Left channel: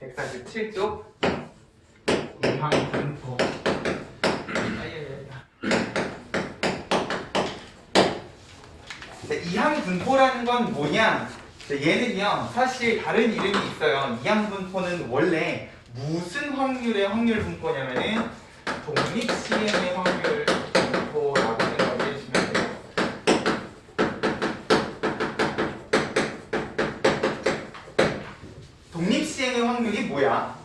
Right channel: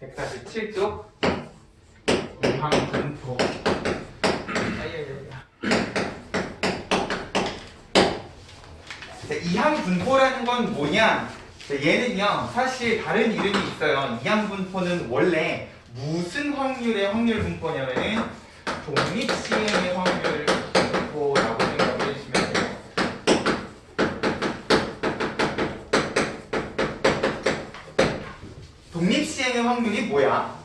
147쪽 이항분포. 이항분포라는 건 뭐냐? 얘는요 사실 다른 이름이 있어요. 이항분포는 원래 무슨 확률의 확률 분포냐면은 독립시행의 확률 분포라고 생각을 해주시면 돼요. 독립시행의 확률이 뭐야?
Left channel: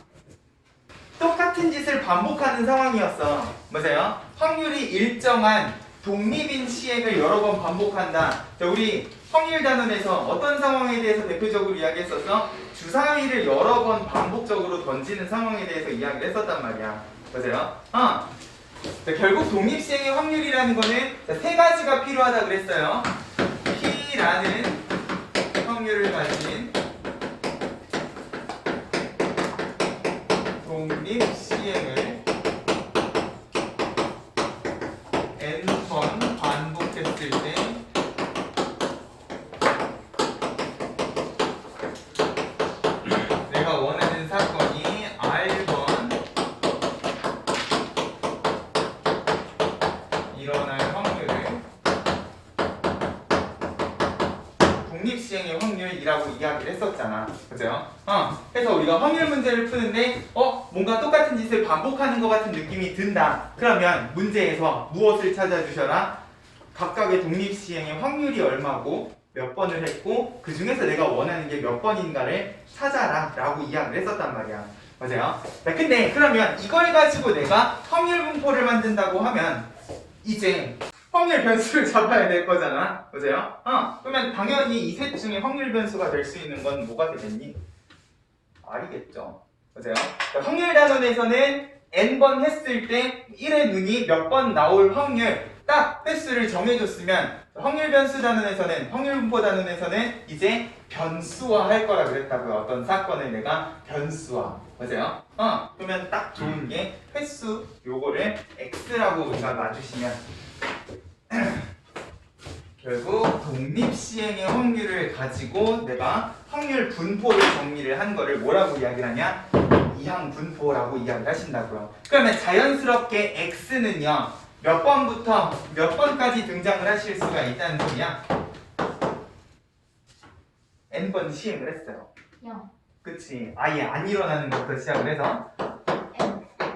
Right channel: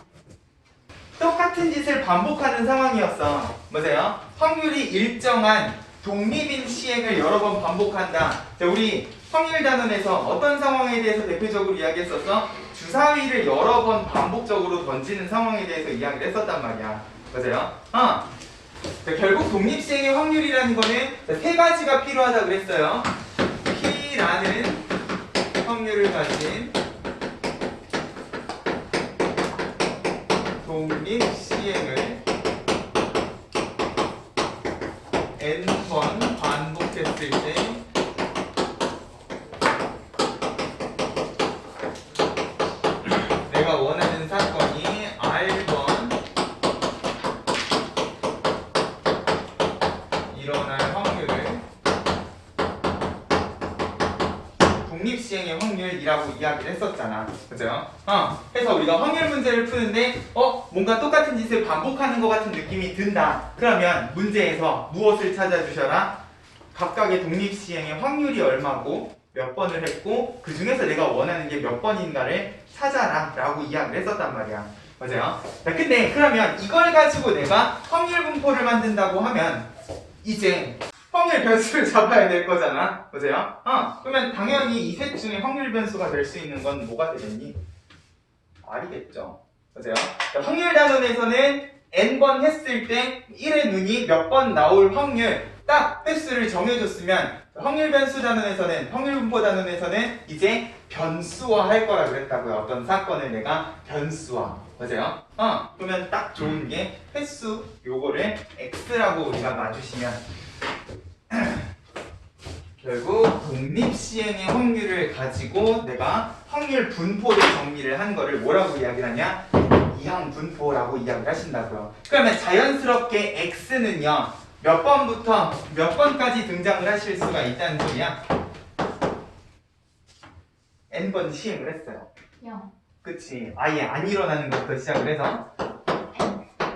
똑같은 짓을 반복하는 상황이었어. 맞아요? 확률이 일정한 독립인 시행을 여러 번 반복한다. 자, 우리 확률 단원에서 어떤 상황에 대해서 대표적으로 이야기했었어? 주사위를 여러 번 반복적으로 던지는 상황에 대해서 이야기를 했었단 말이야. 맞아요? 자, 결국 독립시행의 확률이라는 거는 세 가지가 필요하다 그랬어요. P라는 확률을 가진 독립시행을 n번 반복했을 때 내가 원하는 사건이 R번 일어날 확률을 독립시행의 확률이라고 이야기를 했었잖아. 그죠? 그래서 우리가 확률 문제를 푸는데 뭔가 똑같은 짓을 반복하는 것 같은 느낌이 든다. 그러면 문제에서 무엇을 찾아주셔라? 각각의 독립시행의 확률이 얼마고 몇 번을 했고 그 중에서 내가 원하는 게 몇 번인가를 찾아라 라고 이야기를 했었단 말이야. 맞아요? 자, 근데 그러면 이걸 가지고 내가 확률 분포를 만든다고 하면 이제 확률 변수를 잡아야 될 거잖아. 맞아요? 그러면 당연히 이 셋 중에 확률 변수가 될 수 있는 건 뭐가 되겠니? R이겠죠. 맞아요? 그러니까 확률 단원에서는 n번 했을 때 1의 눈이 몇 번 나올 확률 딱 횟수를 정해줬으면 확률 변수 단원에서는 확률 분포 단원에서는 이제 변수화 할 거라 그랬다고요. 어떤 사건을 내가 변수화. 맞아요? 그러면 딱 좋은 게 횟수 요거를 x라고 우리가 놔주시면 결국 독립시행의 확률을 가지고 내가 확률 분포를 정리를 한 거를 뭐라고 이야기를 하냐? 이항분포라고 이야기를 하신다고요. 그러면 자연스럽게 x는요 몇 번부터 몇 번까지 등장을 하실 수가 있다는 소리야? n번 시행을 했어요. 0. 그치? 아예 안 일어나는 것부터 시작을 해서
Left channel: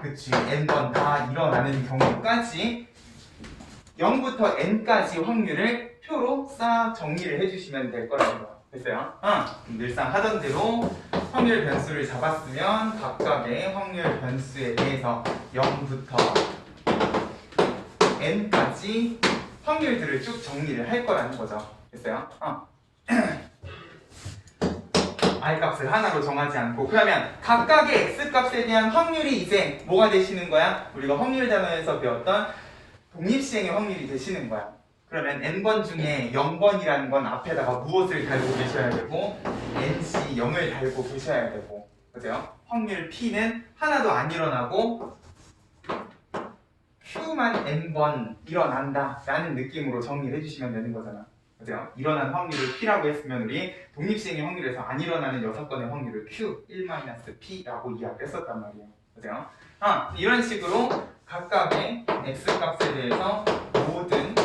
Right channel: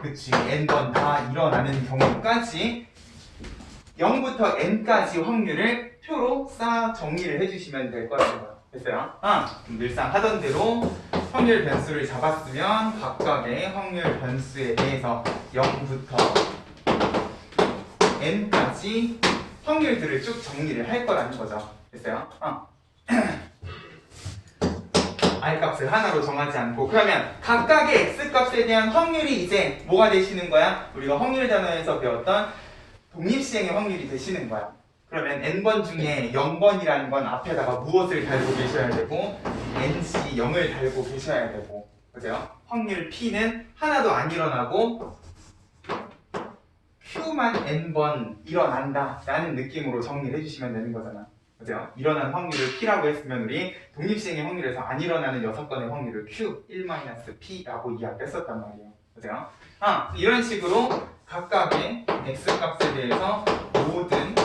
그치? n번 다 일어나는 경우까지 0부터 n까지 확률을 표로 쌓아 정리를 해주시면 될 거라고요. 됐어요? 늘상 하던 대로 확률 변수를 잡았으면 각각의 확률 변수에 대해서 0부터 n까지 확률들을 쭉 정리를 할 거라는 거죠. 됐어요? R 값을 하나로 정하지 않고 그러면 각각의 X 값에 대한 확률이 이제 뭐가 되시는 거야? 우리가 확률 단어에서 배웠던 독립시행의 확률이 되시는 거야. 그러면 n번 중에 0번이라는 건 앞에다가 무엇을 달고 계셔야 되고 nc 0을 달고 계셔야 되고 그죠? 확률 P는 하나도 안 일어나고 Q만 n번 일어난다 라는 느낌으로 정리를 해주시면 되는 거잖아. 그죠? 일어난 확률을 P라고 했으면 우리 독립시행의 확률에서 안 일어나는 6건의 확률을 Q 1-P라고 이야기했었단 말이에요. 그죠? 이런 식으로 각각의 X값에 대해서 모든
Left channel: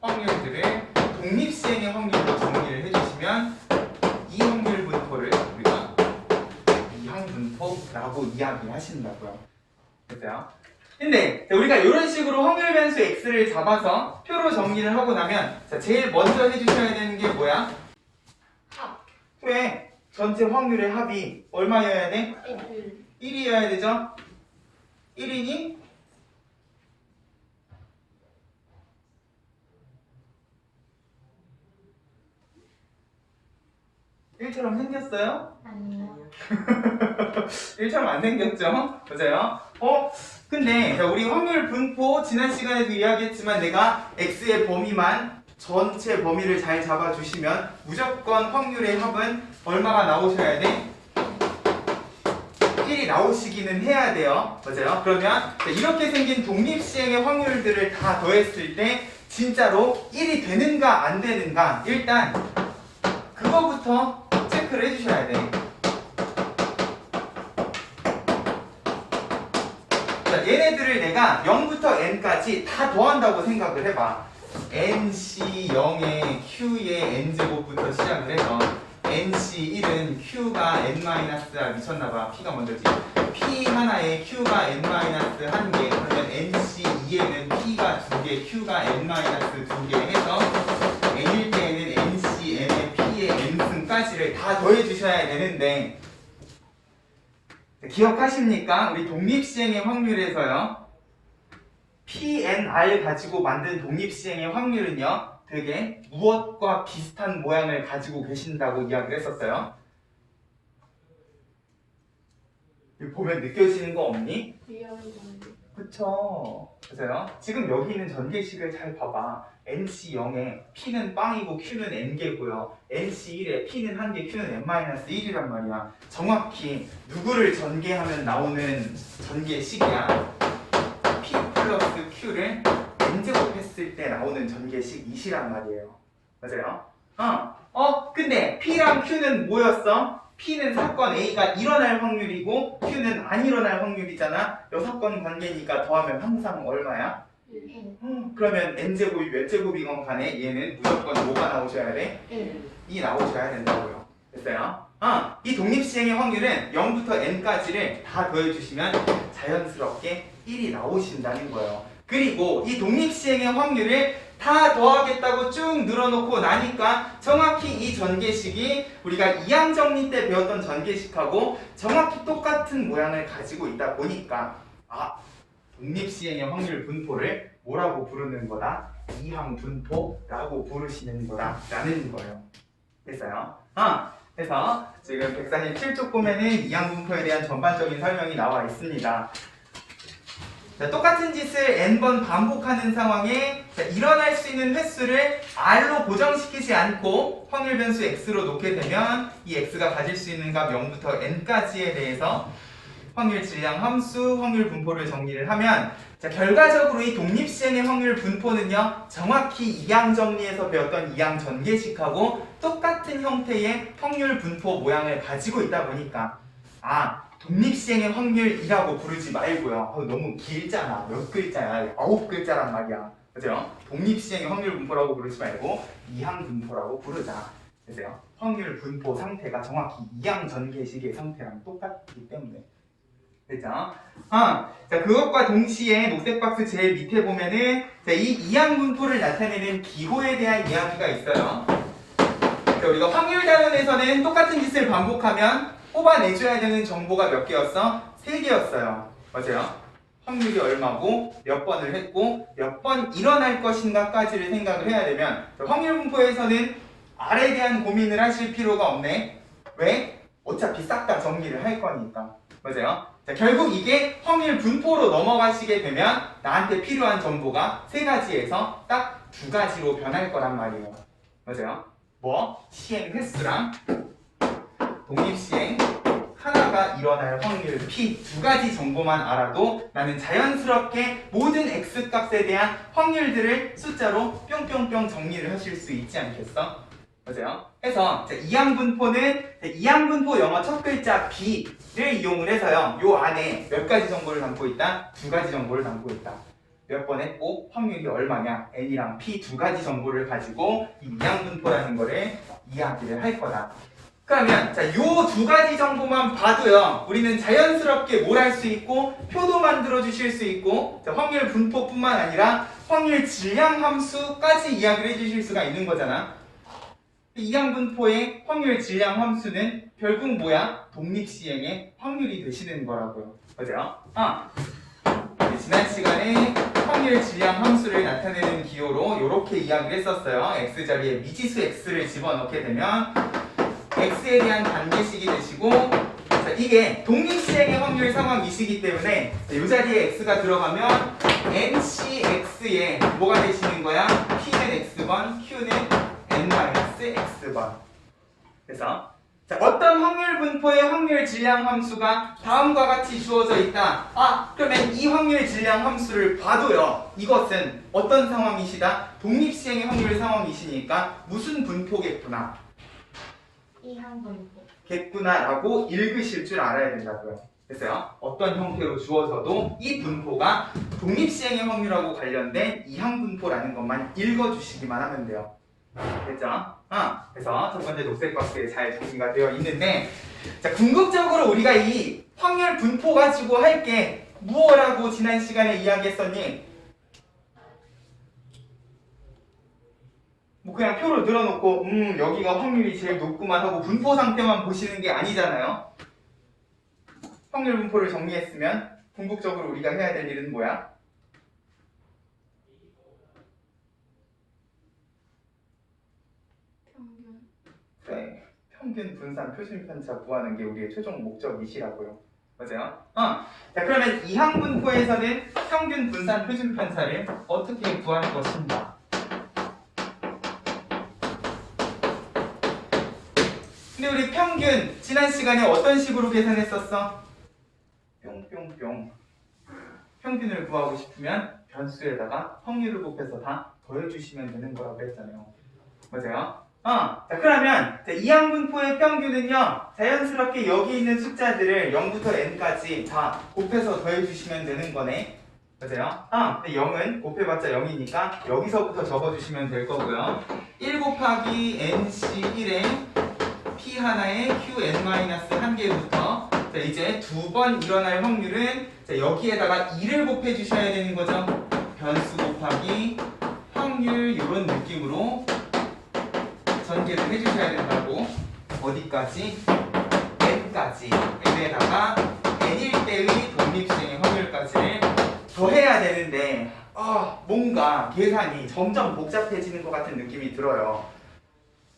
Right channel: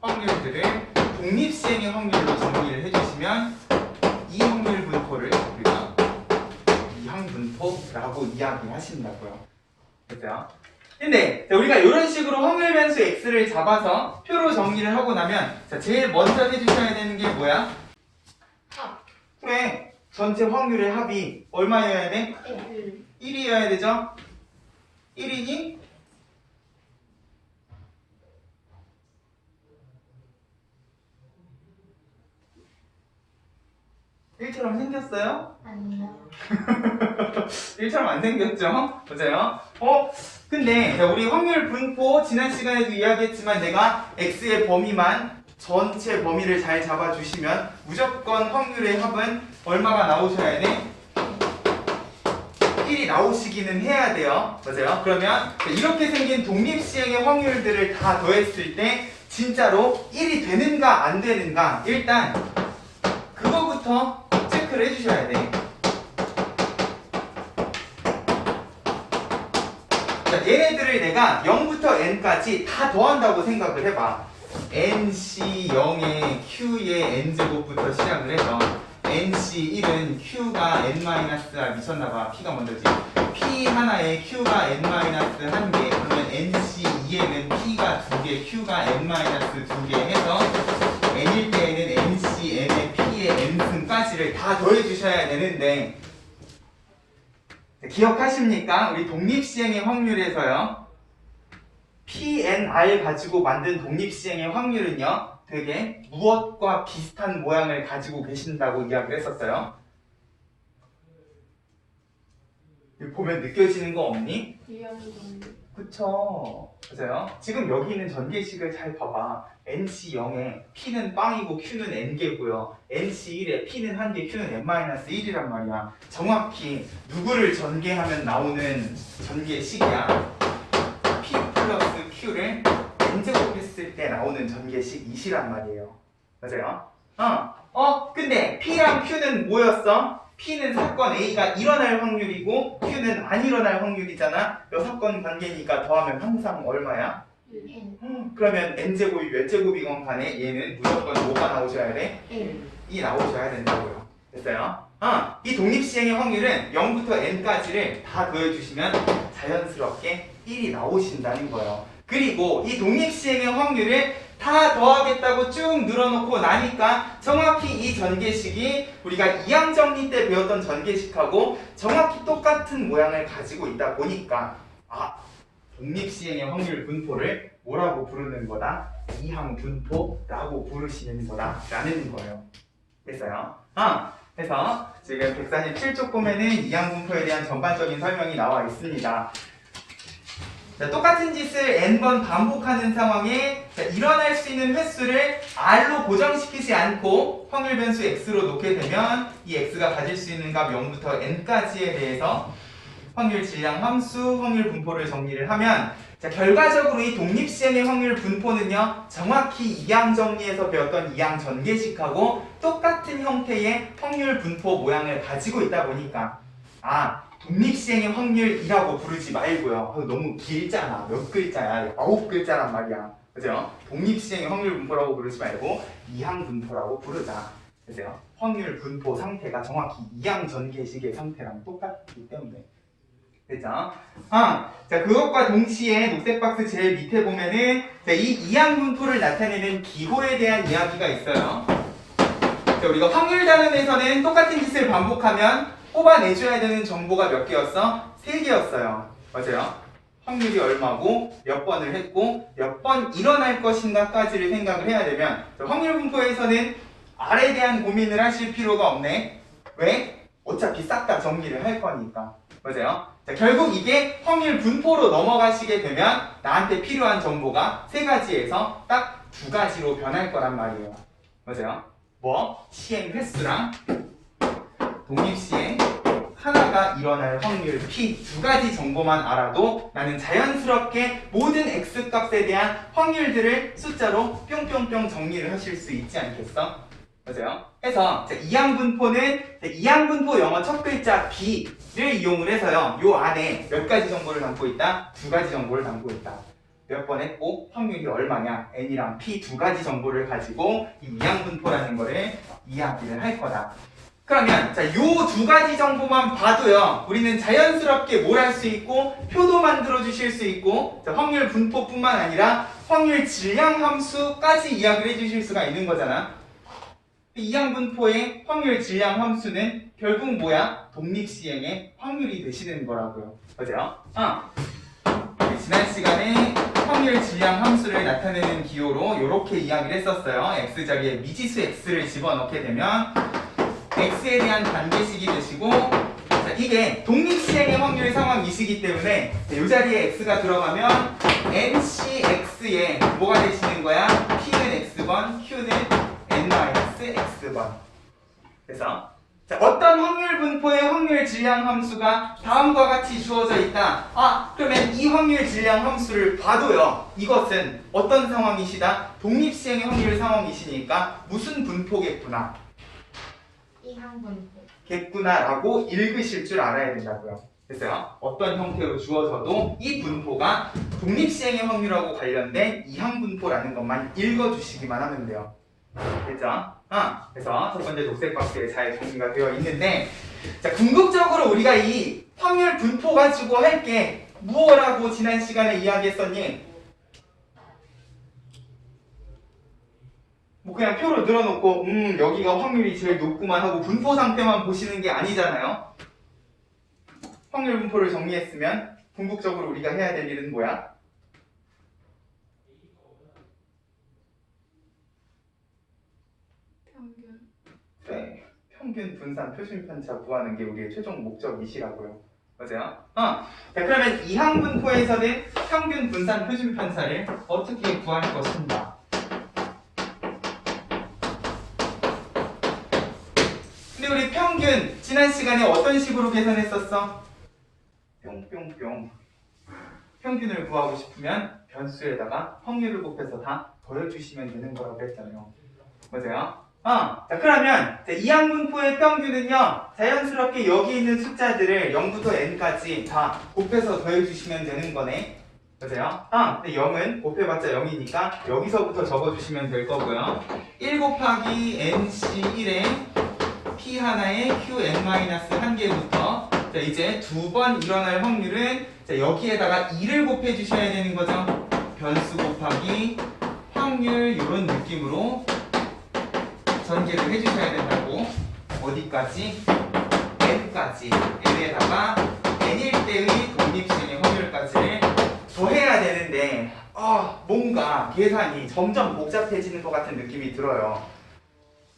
확률들을 독립시행의 확률로 정리를 해주시면 이 확률 분포를 우리가 이항분포라고 이야기하신다고요. 됐어요? 근데 우리가 이런 식으로 확률 변수 x를 잡아서 표로 정리를 하고 나면 제일 먼저 해주셔야 되는 게 뭐야? 합. 그래, 전체 확률의 합이 얼마여야 돼? 1이어야 되죠? 1이니? 일처럼 생겼어요? 아니요. 1처럼 안 생겼죠? 맞아요? 근데 우리 확률 분포 지난 시간에도 이야기했지만 내가 x의 범위만 전체 범위를 잘 잡아주시면 무조건 확률의 합은 얼마가 나오셔야 돼? 1이 나오시기는 해야 돼요. 맞아요? 그러면 이렇게 생긴 독립시행의 확률들을 다 더했을 때 진짜로 1이 되는가 안 되는가 일단 그거부터 체크를 해주셔야 돼. 자, 얘네들을 내가 0부터 n까지 다 더한다고 생각을 해봐. nc0에 q의 n제곱부터 시작을 해서 nc1은 q가 n-r 미쳤나봐. p가 먼저지. p 하나에 q가 n-1개 그러면 nc2에는 p가 2개 q가 n-2개 해서 n일 때에는 nc, n의 p의 n승까지를 다 더해주셔야 되는데 기억하십니까? 우리 독립시행의 확률에서요 PNR 가지고 만든 독립시행의 확률은요 되게 무엇과 비슷한 모양을 가지고 계신다고 이야기를 했었어요. 보면 느껴지는 거 없니? 그쵸. 맞아요. 지금 여기 있는 전개식을 잘 봐봐. NC0에 P는 빵이고 Q는 N개고요. NC1에 P는 1개, Q는 N-1이란 말이야. 정확히 누구를 전개하면 나오는 전개식이야. P 플러스 Q를 N제곱 했을 때 나오는 전개식 이시란 말이에요. 맞아요? 근데 P랑 Q는 뭐였어? P는 사건 A가 일어날 확률이고 Q는 안 일어날 확률이잖아. 이 사건 관계니까 더하면 항상 얼마야? 그러면 n제곱이 몇 제곱이건 간에 얘는 무조건 뭐가 나오셔야 돼? 1이 나오셔야 된다고요. 됐어요? 이 독립시행의 확률은 0부터 n까지를 다 더해주시면 자연스럽게 1이 나오신다는 거예요. 그리고 이 독립시행의 확률을 다 더하겠다고 쭉 늘어놓고 나니까 정확히 이 전개식이 우리가 이항정리 때 배웠던 전개식하고 정확히 똑같은 모양을 가지고 있다 보니까 독립시행의 확률 분포를 뭐라고 부르는 거다? 이항분포라고 부르시는 거다라는 거예요. 됐어요? 그래서 지금 147쪽 보면은 이항분포에 대한 전반적인 설명이 나와 있습니다. 자, 똑같은 짓을 n번 반복하는 상황에 일어날 수 있는 횟수를 r로 고정시키지 않고 확률 변수 x로 놓게 되면 이 x가 가질 수 있는 값 0부터 n까지에 대해서 확률 질량 함수, 확률 분포를 정리를 하면 자, 결과적으로 이 독립시행의 확률 분포는요 정확히 이항 정리에서 배웠던 이항 전개식하고 똑같은 형태의 확률 분포 모양을 가지고 있다 보니까 독립시행의 확률이라고 부르지 말고요. 너무 길잖아. 몇 글자야? 9글자란 말이야. 그죠? 독립시행의 확률 분포라고 부르지 말고 이항 분포라고 부르자. 그죠? 확률 분포 상태가 정확히 이항 전개식의 상태랑 똑같기 때문에. 그죠? 자, 그것과 동시에 녹색 박스 제일 밑에 보면은 자, 이 이항 분포를 나타내는 기호에 대한 이야기가 있어요. 자, 우리가 확률 단원에서는 똑같은 짓을 반복하면 뽑아내줘야 되는 정보가 몇 개였어? 3개였어요. 맞아요? 확률이 얼마고 몇 번을 했고 몇 번 일어날 것인가까지를 생각을 해야 되면 확률 분포에서는 R에 대한 고민을 하실 필요가 없네. 왜? 어차피 싹 다 정리를 할 거니까. 맞아요? 자, 결국 이게 확률 분포로 넘어가시게 되면 나한테 필요한 정보가 3가지에서 딱 2가지로 변할 거란 말이에요. 맞아요? 뭐? 시행 횟수랑 독립시행 하나가 일어날 확률 P 2가지 정보만 알아도 나는 자연스럽게 모든 X값에 대한 확률들을 숫자로 뿅뿅뿅 정리를 하실 수 있지 않겠어? 맞아요? 해서 이항분포는 이항분포 영어 첫 글자 B를 이용을 해서요 요 안에 몇 가지 정보를 담고 있다? 2가지 정보를 담고 있다. 몇 번 했고 확률이 얼마냐? N이랑 P 2가지 정보를 가지고 이 이항분포라는 거를 이야기를 할 거다. 그러면 자, 요 2가지 정보만 봐도요 우리는 자연스럽게 뭘 할 수 있고 표도 만들어 주실 수 있고 자, 확률 분포뿐만 아니라 확률 질량 함수까지 이야기를 해주실 수가 있는 거잖아. 이항 분포의 확률 질량 함수는 결국 뭐야? 독립시행의 확률이 되시는 거라고요. 맞아요? 지난 시간에 확률 질량 함수를 나타내는 기호로 이렇게 이야기를 했었어요. x 자리에 미지수 x를 집어넣게 되면 x에 대한 단계식이 되시고 자, 이게 독립시행의 확률 상황이시기 때문에 이 자리에 x가 들어가면 ncx에 뭐가 되시는 거야? p는 x번, q는 n-x번. 그래서 자, 어떤 확률 분포의 확률 질량 함수가 다음과 같이 주어져 있다. 그러면 이 확률 질량 함수를 봐도요 이것은 어떤 상황이시다? 독립시행의 확률 상황이시니까 무슨 분포겠구나. 이항분포. 겠구나라고 읽으실 줄 알아야 된다고요. 됐어요? 어떤 형태로 주어져도 이 분포가 독립시행의 확률하고 관련된 이항분포라는 것만 읽어주시기만 하면 돼요. 됐죠? 그래서 첫 번째 녹색 박스에 잘 정리가 되어 있는데, 자, 궁극적으로 우리가 이 확률 분포 가지고 할 게 무엇라고 지난 시간에 이야기했었니? 뭐 그냥 표로 늘어놓고 여기가 확률이 제일 높구만 하고 분포 상태만 보시는 게 아니잖아요. 확률 분포를 정리했으면 궁극적으로 우리가 해야 될 일은 뭐야? 평균. 네, 평균 분산 표준 편차 구하는 게 우리의 최종 목적이시라고요. 맞아요? 자, 그러면 이항 분포에서는 평균 분산 표준 편차를 어떻게 구할 것인가? 근데 우리 평균 지난 시간에 어떤 식으로 계산했었어? 뿅뿅뿅. 평균을 구하고 싶으면 변수에다가 확률을 곱해서 다 더해주시면 되는 거라고 했잖아요. 맞아요? 자, 그러면 이항 분포의 평균은요, 자연스럽게 여기 있는 숫자들을 0부터 n까지 다 곱해서 더해주시면 되는 거네. 맞아요? 근데 0은 곱해봤자 0이니까 여기서부터 적어주시면 될 거고요. 1 곱하기 nc 1에 p 하나에 qn-1개부터 자, 이제 두 번 일어날 확률은 자, 여기에다가 2를 곱해 주셔야 되는 거죠. 변수 곱하기 확률 이런 느낌으로 전개를 해주셔야 된다고. 어디까지? n까지. n에다가 n일 때의 독립시행의 확률까지를 더해야 되는데 뭔가 계산이 점점 복잡해지는 것 같은 느낌이 들어요.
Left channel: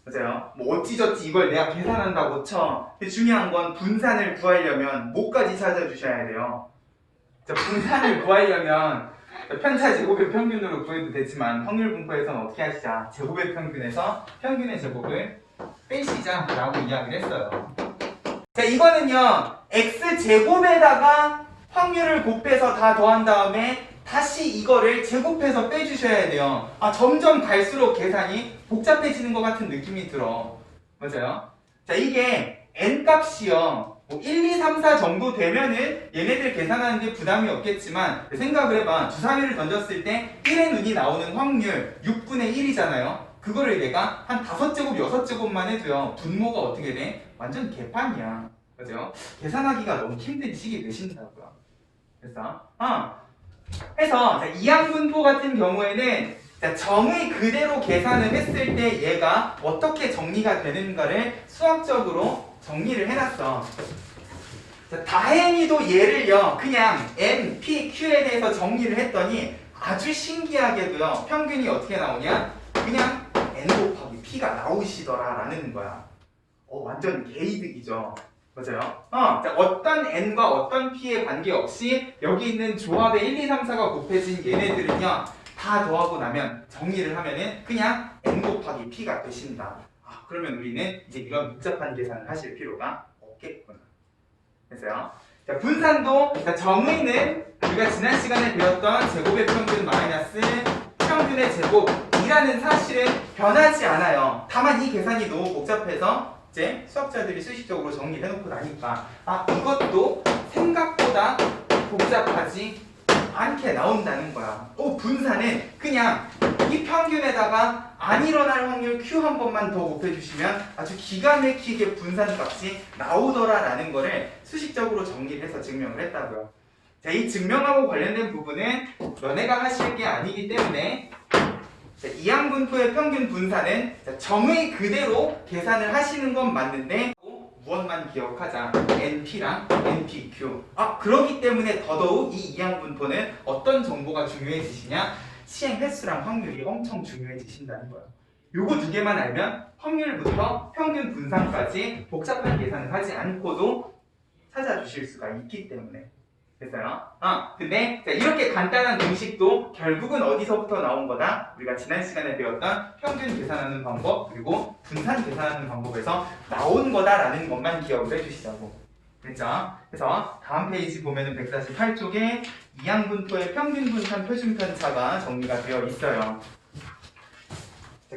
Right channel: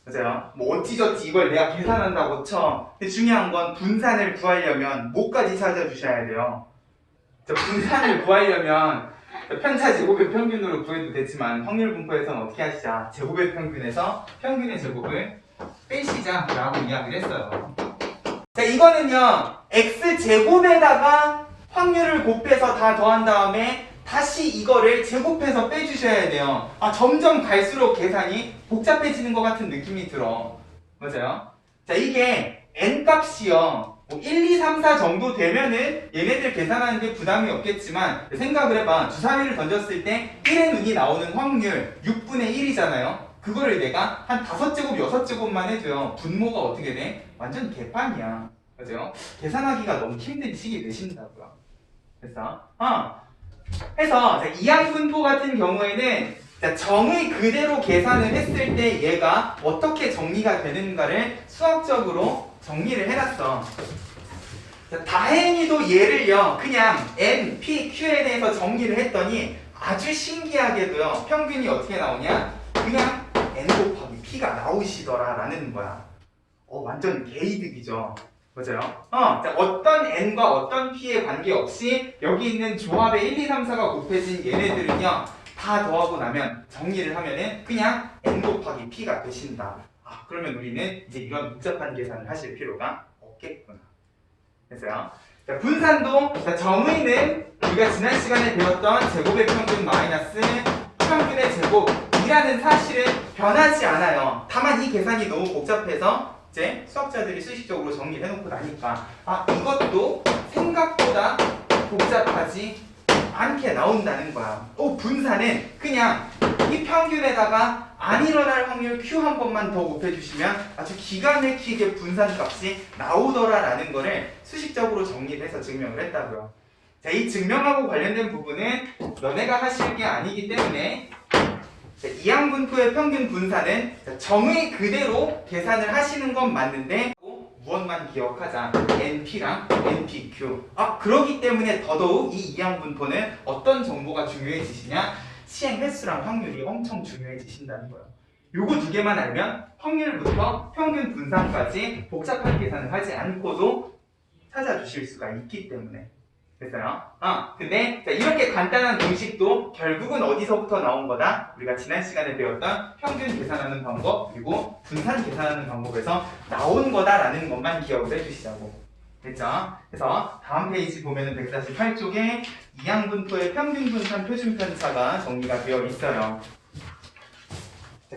맞아요. 뭐 어찌저찌 이걸 내가 계산한다고 쳐. 근데 중요한 건 분산을 구하려면 뭐까지 찾아주셔야 돼요. 분산을 구하려면 편차 제곱의 평균으로 구해도 되지만 확률 분포에서는 어떻게 하시자? 제곱의 평균에서 평균의 제곱을 빼시자라고 이야기를 했어요. 자, 이거는요, x제곱에다가 확률을 곱해서 다 더한 다음에 다시 이거를 제곱해서 빼주셔야 돼요. 점점 갈수록 계산이 복잡해지는 것 같은 느낌이 들어. 맞아요? 자, 이게 n 값이요. 1, 2, 3, 4 정도 되면은 얘네들 계산하는 게 부담이 없겠지만 생각을 해봐. 주사위를 던졌을 때 1의 눈이 나오는 확률 6분의 1이잖아요. 그거를 내가 한 5제곱, 6제곱만 해도요. 분모가 어떻게 돼? 완전 개판이야. 맞아요? 계산하기가 너무 힘든 시기 내신다고요. 그래서 해서 이항분포 같은 경우에는 정의 그대로 계산을 했을 때 얘가 어떻게 정리가 되는가를 수학적으로 정리를 해놨어. 다행히도 얘를요 그냥 n, p, q에 대해서 정리를 했더니 아주 신기하게도요 평균이 어떻게 나오냐? 그냥 n 곱하기 p가 나오시더라 라는 거야. 완전 개이득이죠. 맞아요? 어떤 n과 어떤 p에 관계없이 여기 있는 조합의 1, 2, 3, 4가 곱해진 얘네들은요 다 더하고 나면 정리를 하면은 그냥 n 곱하기 p가 되신다. 그러면 우리는 이제 이런 복잡한 계산을 하실 필요가 없겠구나. 됐어요? 자, 분산도 정의는 우리가 지난 시간에 배웠던 제곱의 평균 마이너스 평균의 제곱이라는 사실은 변하지 않아요. 다만 이 계산이 너무 복잡해서 이제 수학자들이 수식적으로 정리를 해놓고 나니까 이것도 생각보다 복잡하지 않게 나온다는 거야. 분산은 그냥 이 평균에다가 안 일어날 확률 Q 한 번만 더 곱해주시면 아주 기가 막히게 분산값이 나오더라라는 거를 수식적으로 정리를 해서 증명을 했다고요. 자, 이 증명하고 관련된 부분은 너네가 하실 게 아니기 때문에 이항분포의 평균 분산은 정의 그대로 계산을 하시는 건 맞는데 무엇만 기억하자. NP랑 NPQ. 그렇기 때문에 더더욱 이 이항분포는 어떤 정보가 중요해지시냐? 시행 횟수랑 확률이 엄청 중요해지신다는 거예요. 요거 두 개만 알면 확률부터 평균 분산까지 복잡한 계산을 하지 않고도 찾아주실 수가 있기 때문에. 됐어요? 근데 이렇게 간단한 공식도 결국은 어디서부터 나온 거다? 우리가 지난 시간에 배웠던 평균 계산하는 방법 그리고 분산 계산하는 방법에서 나온 거다라는 것만 기억을 해주시자고. 됐죠? 그래서 다음 페이지 보면은 148쪽에 이항분포의 평균 분산 표준 편차가 정리가 되어 있어요.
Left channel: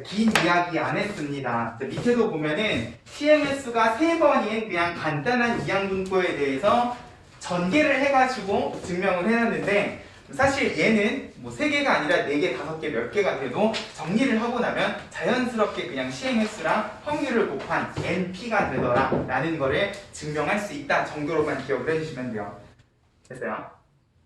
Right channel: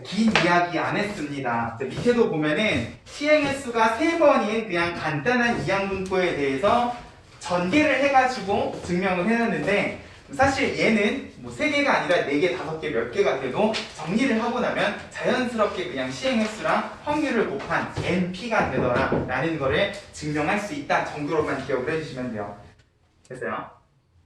긴 이야기 안 했습니다. 밑에도 보면은 시행 횟수가 3번인 그냥 간단한 이항분포에 대해서 전개를 해가지고 증명을 해놨는데 사실 얘는 뭐 3개가 아니라 4개, 5개, 몇 개가 돼도 정리를 하고 나면 자연스럽게 그냥 시행 횟수랑 확률을 곱한 NP가 되더라 라는 거를 증명할 수 있다 정도로만 기억을 해주시면 돼요. 됐어요?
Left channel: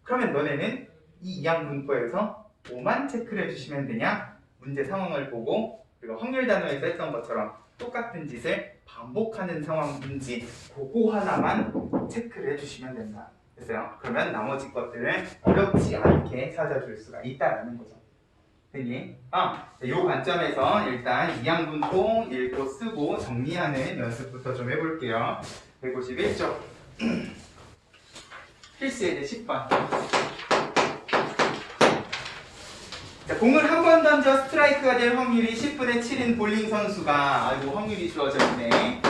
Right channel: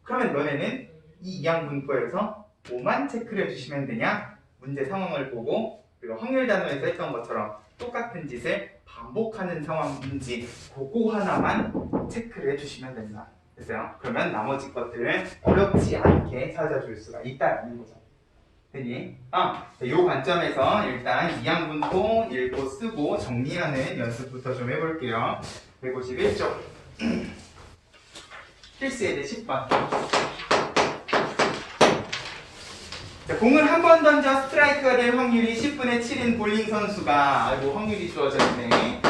그러면 너네는 이 이항분포에서 뭐만 체크를 해주시면 되냐? 문제 상황을 보고 그리고 확률 단어에서 했던 것처럼 똑같은 짓을 반복하는 상황인지 그거 하나만 체크를 해주시면 된다. 됐어요? 그러면 나머지 것들은 어렵지 않게 찾아줄 수가 있다는 거죠. 되니? 이 관점에서 일단 이항분포 읽고 쓰고 정리하는 연습부터 좀 해볼게요. 151쪽 필수 예제 10번. 자, 공을 한 번 던져 스트라이크가 될 확률이 10분의 7인 볼링 선수가 아이고 확률이 주어져 있네.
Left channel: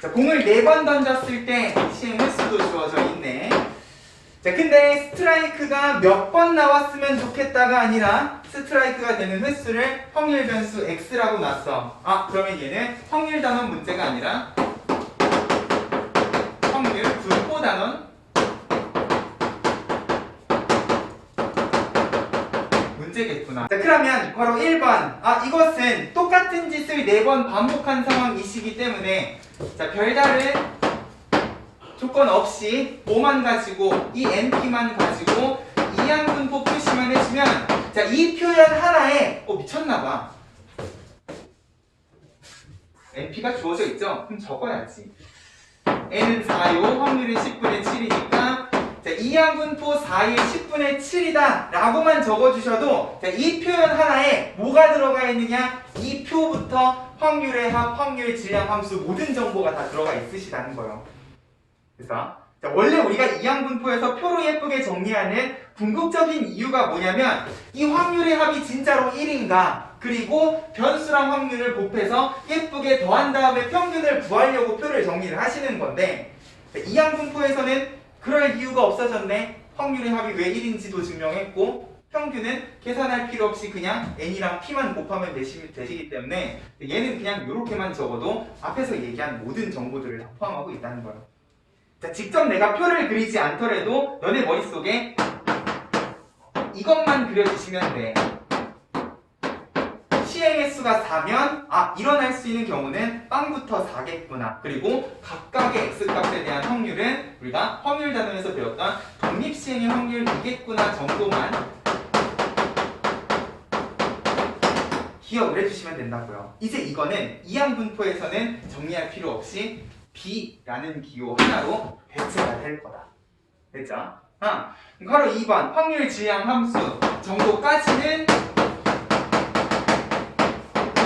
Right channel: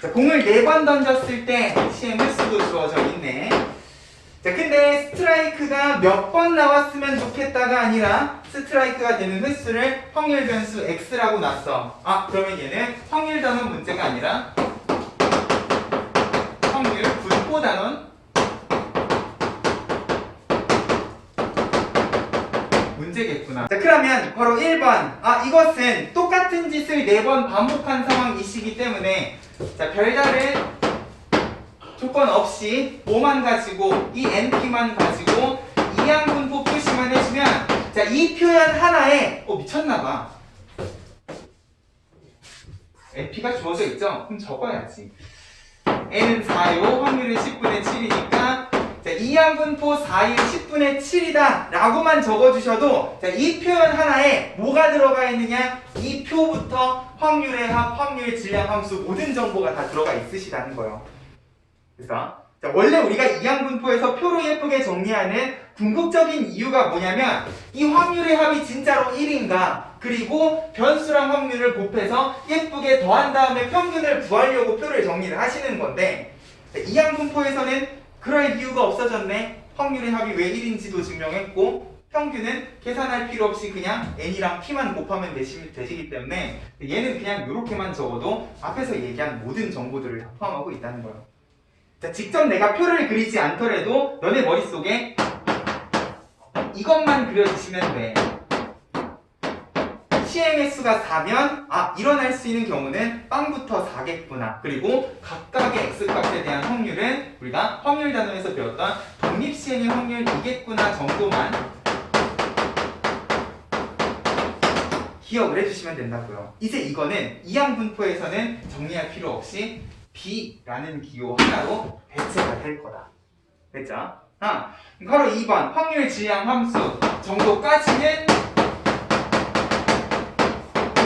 자, 공을 4번 던졌을 때 시행 횟수도 주어져 있네. 자, 근데 스트라이크가 몇 번 나왔으면 좋겠다가 아니라 스트라이크가 되는 횟수를 확률 변수 x라고 놨어. 그러면 얘는 확률 단원 문제가 아니라 확률 분포 단원 문제겠구나. 자, 그러면 바로 1번. 이것은 똑같은 짓을 4번 반복한 상황이시기 때문에 자, 별다른 조건 없이 뭐만 가지고 이 NP만 가지고 이항분포 표시만 해주면 자, 이 표현 하나에 미쳤나봐. NP가 주어져 있죠? 그럼 적어야지. N은 4요. 확률은 10분의 7이니까 자, 이항분포 4일 10분의 7이다 라고만 적어주셔도 자, 이 표현 하나에 뭐가 들어가 있느냐? 이 표부터 확률의 합, 확률, 질량, 함수 모든 정보가 다 들어가 있으시다는 거예요. 그래서 자, 원래 우리가 이항분포에서 표로 예쁘게 정리하는 궁극적인 이유가 뭐냐면 이 확률의 합이 진짜로 1인가 그리고 변수랑 확률을 곱해서 예쁘게 더한 다음에 평균을 구하려고 표를 정리를 하시는 건데 자, 이항분포에서는 그럴 이유가 없어졌네. 확률의 합이 왜 1인지도 증명했고 평균은 계산할 필요 없이 그냥 n이랑 p만 곱하면 되시기 때문에 얘는 그냥 이렇게만 적어도 앞에서 얘기한 모든 정보들을 다 포함하고 있다는 거예요. 자, 직접 내가 표를 그리지 않더라도 너네 머릿속에 이것만 그려주시면 돼. 시행 횟수가 4면 일어날 수 있는 경우는 빵부터 4겠구나. 그리고 각각의 x값에 대한 확률은 우리가 확률 단원에서 배웠던 독립시행의 확률 2겠구나 정도만 기억을 해주시면 된다고요. 이제 이거는 이항분포에서는 정리할 필요 없이 B라는 기호 하나로 배치가 될 거다. 됐죠? 바로 2번 확률 질량 함수 정도까지는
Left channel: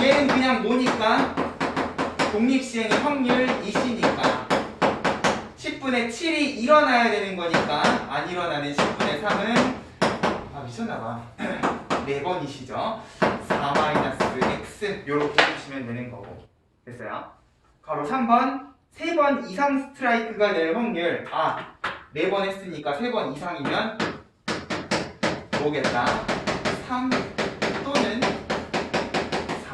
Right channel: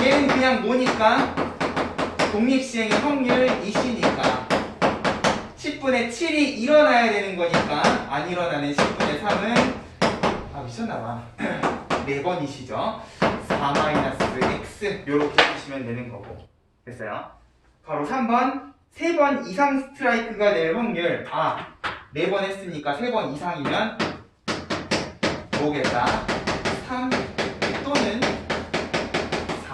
얘는 그냥 뭐니까 독립시행의 확률 2시니까 10분의 7이 일어나야 되는 거니까 안 일어나는 10분의 3은 미쳤나봐 4번이시죠. 4-x 요렇게 해주시면 되는 거고. 됐어요? 바로 3번 3번 이상 스트라이크가 될 확률 4번 했으니까 3번 이상이면 뭐겠다 3 또는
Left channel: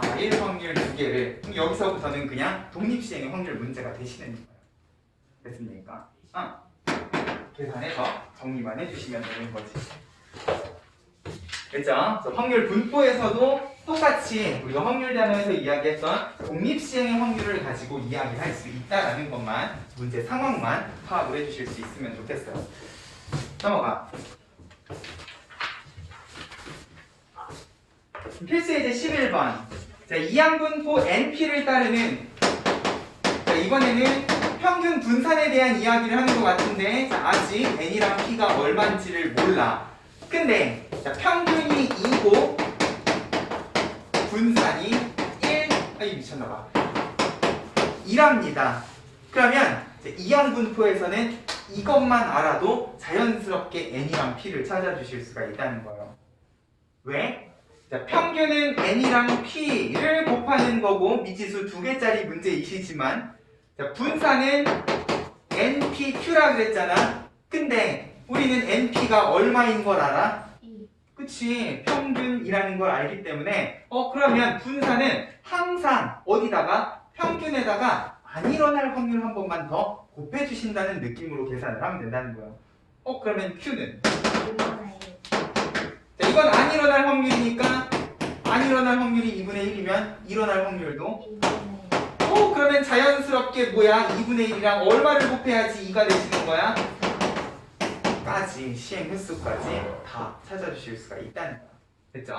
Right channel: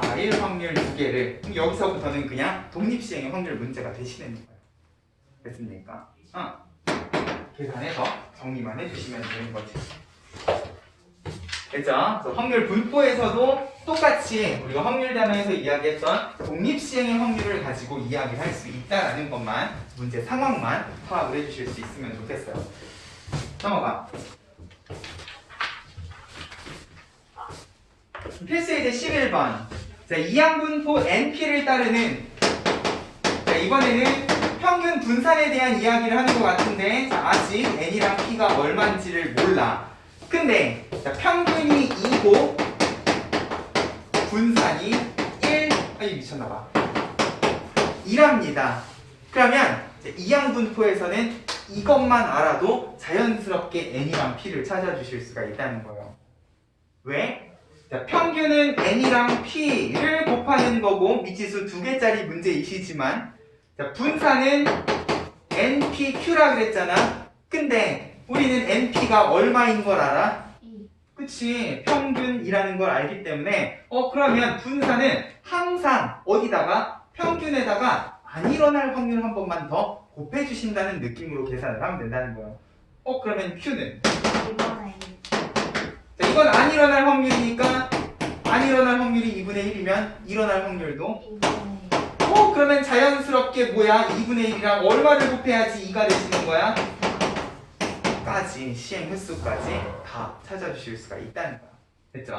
4일 확률 2개를 그럼 여기서부터는 그냥 독립시행의 확률 문제가 되시는 거예요. 됐습니까? 계산해서 정리만 해주시면 되는 거지. 됐죠? 그래서 확률 분포에서도 똑같이 우리가 확률 단어에서 이야기했던 독립시행의 확률을 가지고 이야기를 할 수 있다는 것만 문제 상황만 파악을 해주실 수 있으면 좋겠어요. 넘어가. 필수 예제 11번. 자, 이항분포 NP를 따르는 자, 이번에는 평균 분산에 대한 이야기를 하는 것 같은데 자, 아직 N이랑 P가 얼마인지를 몰라. 근데 자, 평균이 2고 분산이 1 미쳤나봐 1합니다. 그러면 이항분포에서는 이것만 알아도 자연스럽게 N이랑 P를 찾아주실 수가 있다는 거예요. 왜? 자, 평균은 N이랑 P를 곱하는 거고 미지수 2개짜리 문제이시지만 자, 분산은 NPQ라 그랬잖아. 근데 우리는 NP가 얼마인 걸 알아? 그치, 평균이라는 걸 알기 때문에 그러면 분산은 항상 어디다가? 평균에다가 안 일어날 확률 한 번만 더 곱해주신다는 느낌으로 계산을 하면 된다는 거예요. 그러면 Q는? 자, 이건 안 일어날 확률이니까 안 일어날 확률이 2분의 1이면 일어날 확률도 그러면 자연스럽게 뭐야? 2분의 1이랑 얼마를 곱해야지 2가 되시는 거야? 까지 시행 횟수까지 다 찾아주실 수가 있다는 거야. 됐죠?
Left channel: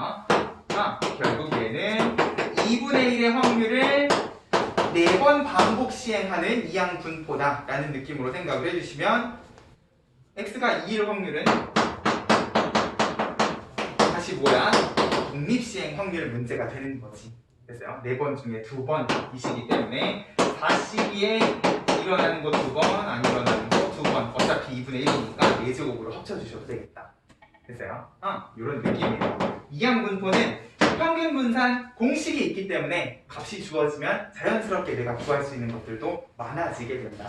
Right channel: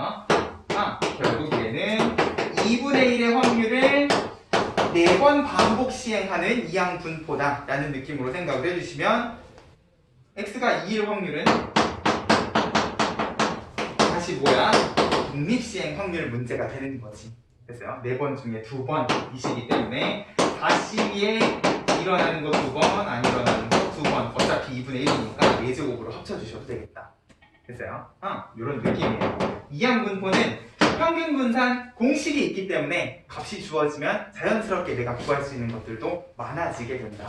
결국 얘는 2분의 1의 확률을 4번 반복 시행하는 이항 분포다 라는 느낌으로 생각을 해주시면 x가 2일 확률은 다시 뭐야? 독립시행 확률 문제가 되는 거지. 됐어요? 4번 중에 2번이시기 때문에 다시에 일어나는 거 2번, 안 일어나는 거 2번. 어차피 2분의 1이니까 4제곱으로 합쳐주셔도 되겠다. 됐어요? 이런 느낌이에요. 이항 분포는 평균 분산 공식이 있기 때문에 값이 주어지면 자연스럽게 내가 구할 수 있는 것들도 많아지게 된다.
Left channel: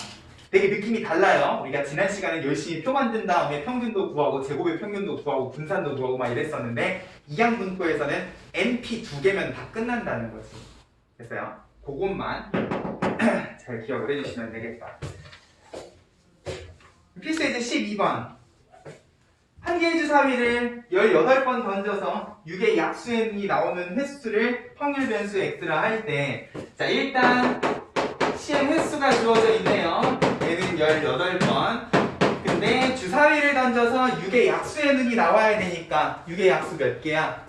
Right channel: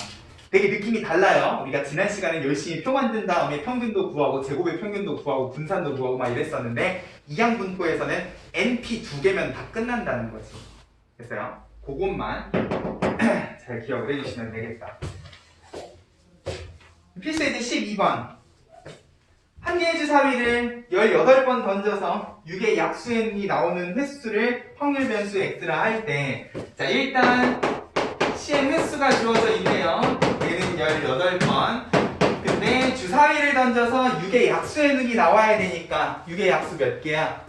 되게 느낌이 달라요. 우리가 지난 시간에 열심히 표 만든 다음에 평균도 구하고 제곱의 평균도 구하고 분산도 구하고 막 이랬었는데 이항 분포에서는 NP 2개면 다 끝난다는 거지. 됐어요? 그것만 잘 기억을 해주시면 되겠다. 필수 예제 12번. 한 개의 주사위를 18번 던져서 6의 약수n이 나오는 횟수를 확률 변수 x라 할 때, 자, 일단 시행 횟수가 주어져 있네요. 얘는 18번. 근데 주사위를 던져서 6의 약수n이 나와야 되니까 6의 약수 몇 개야?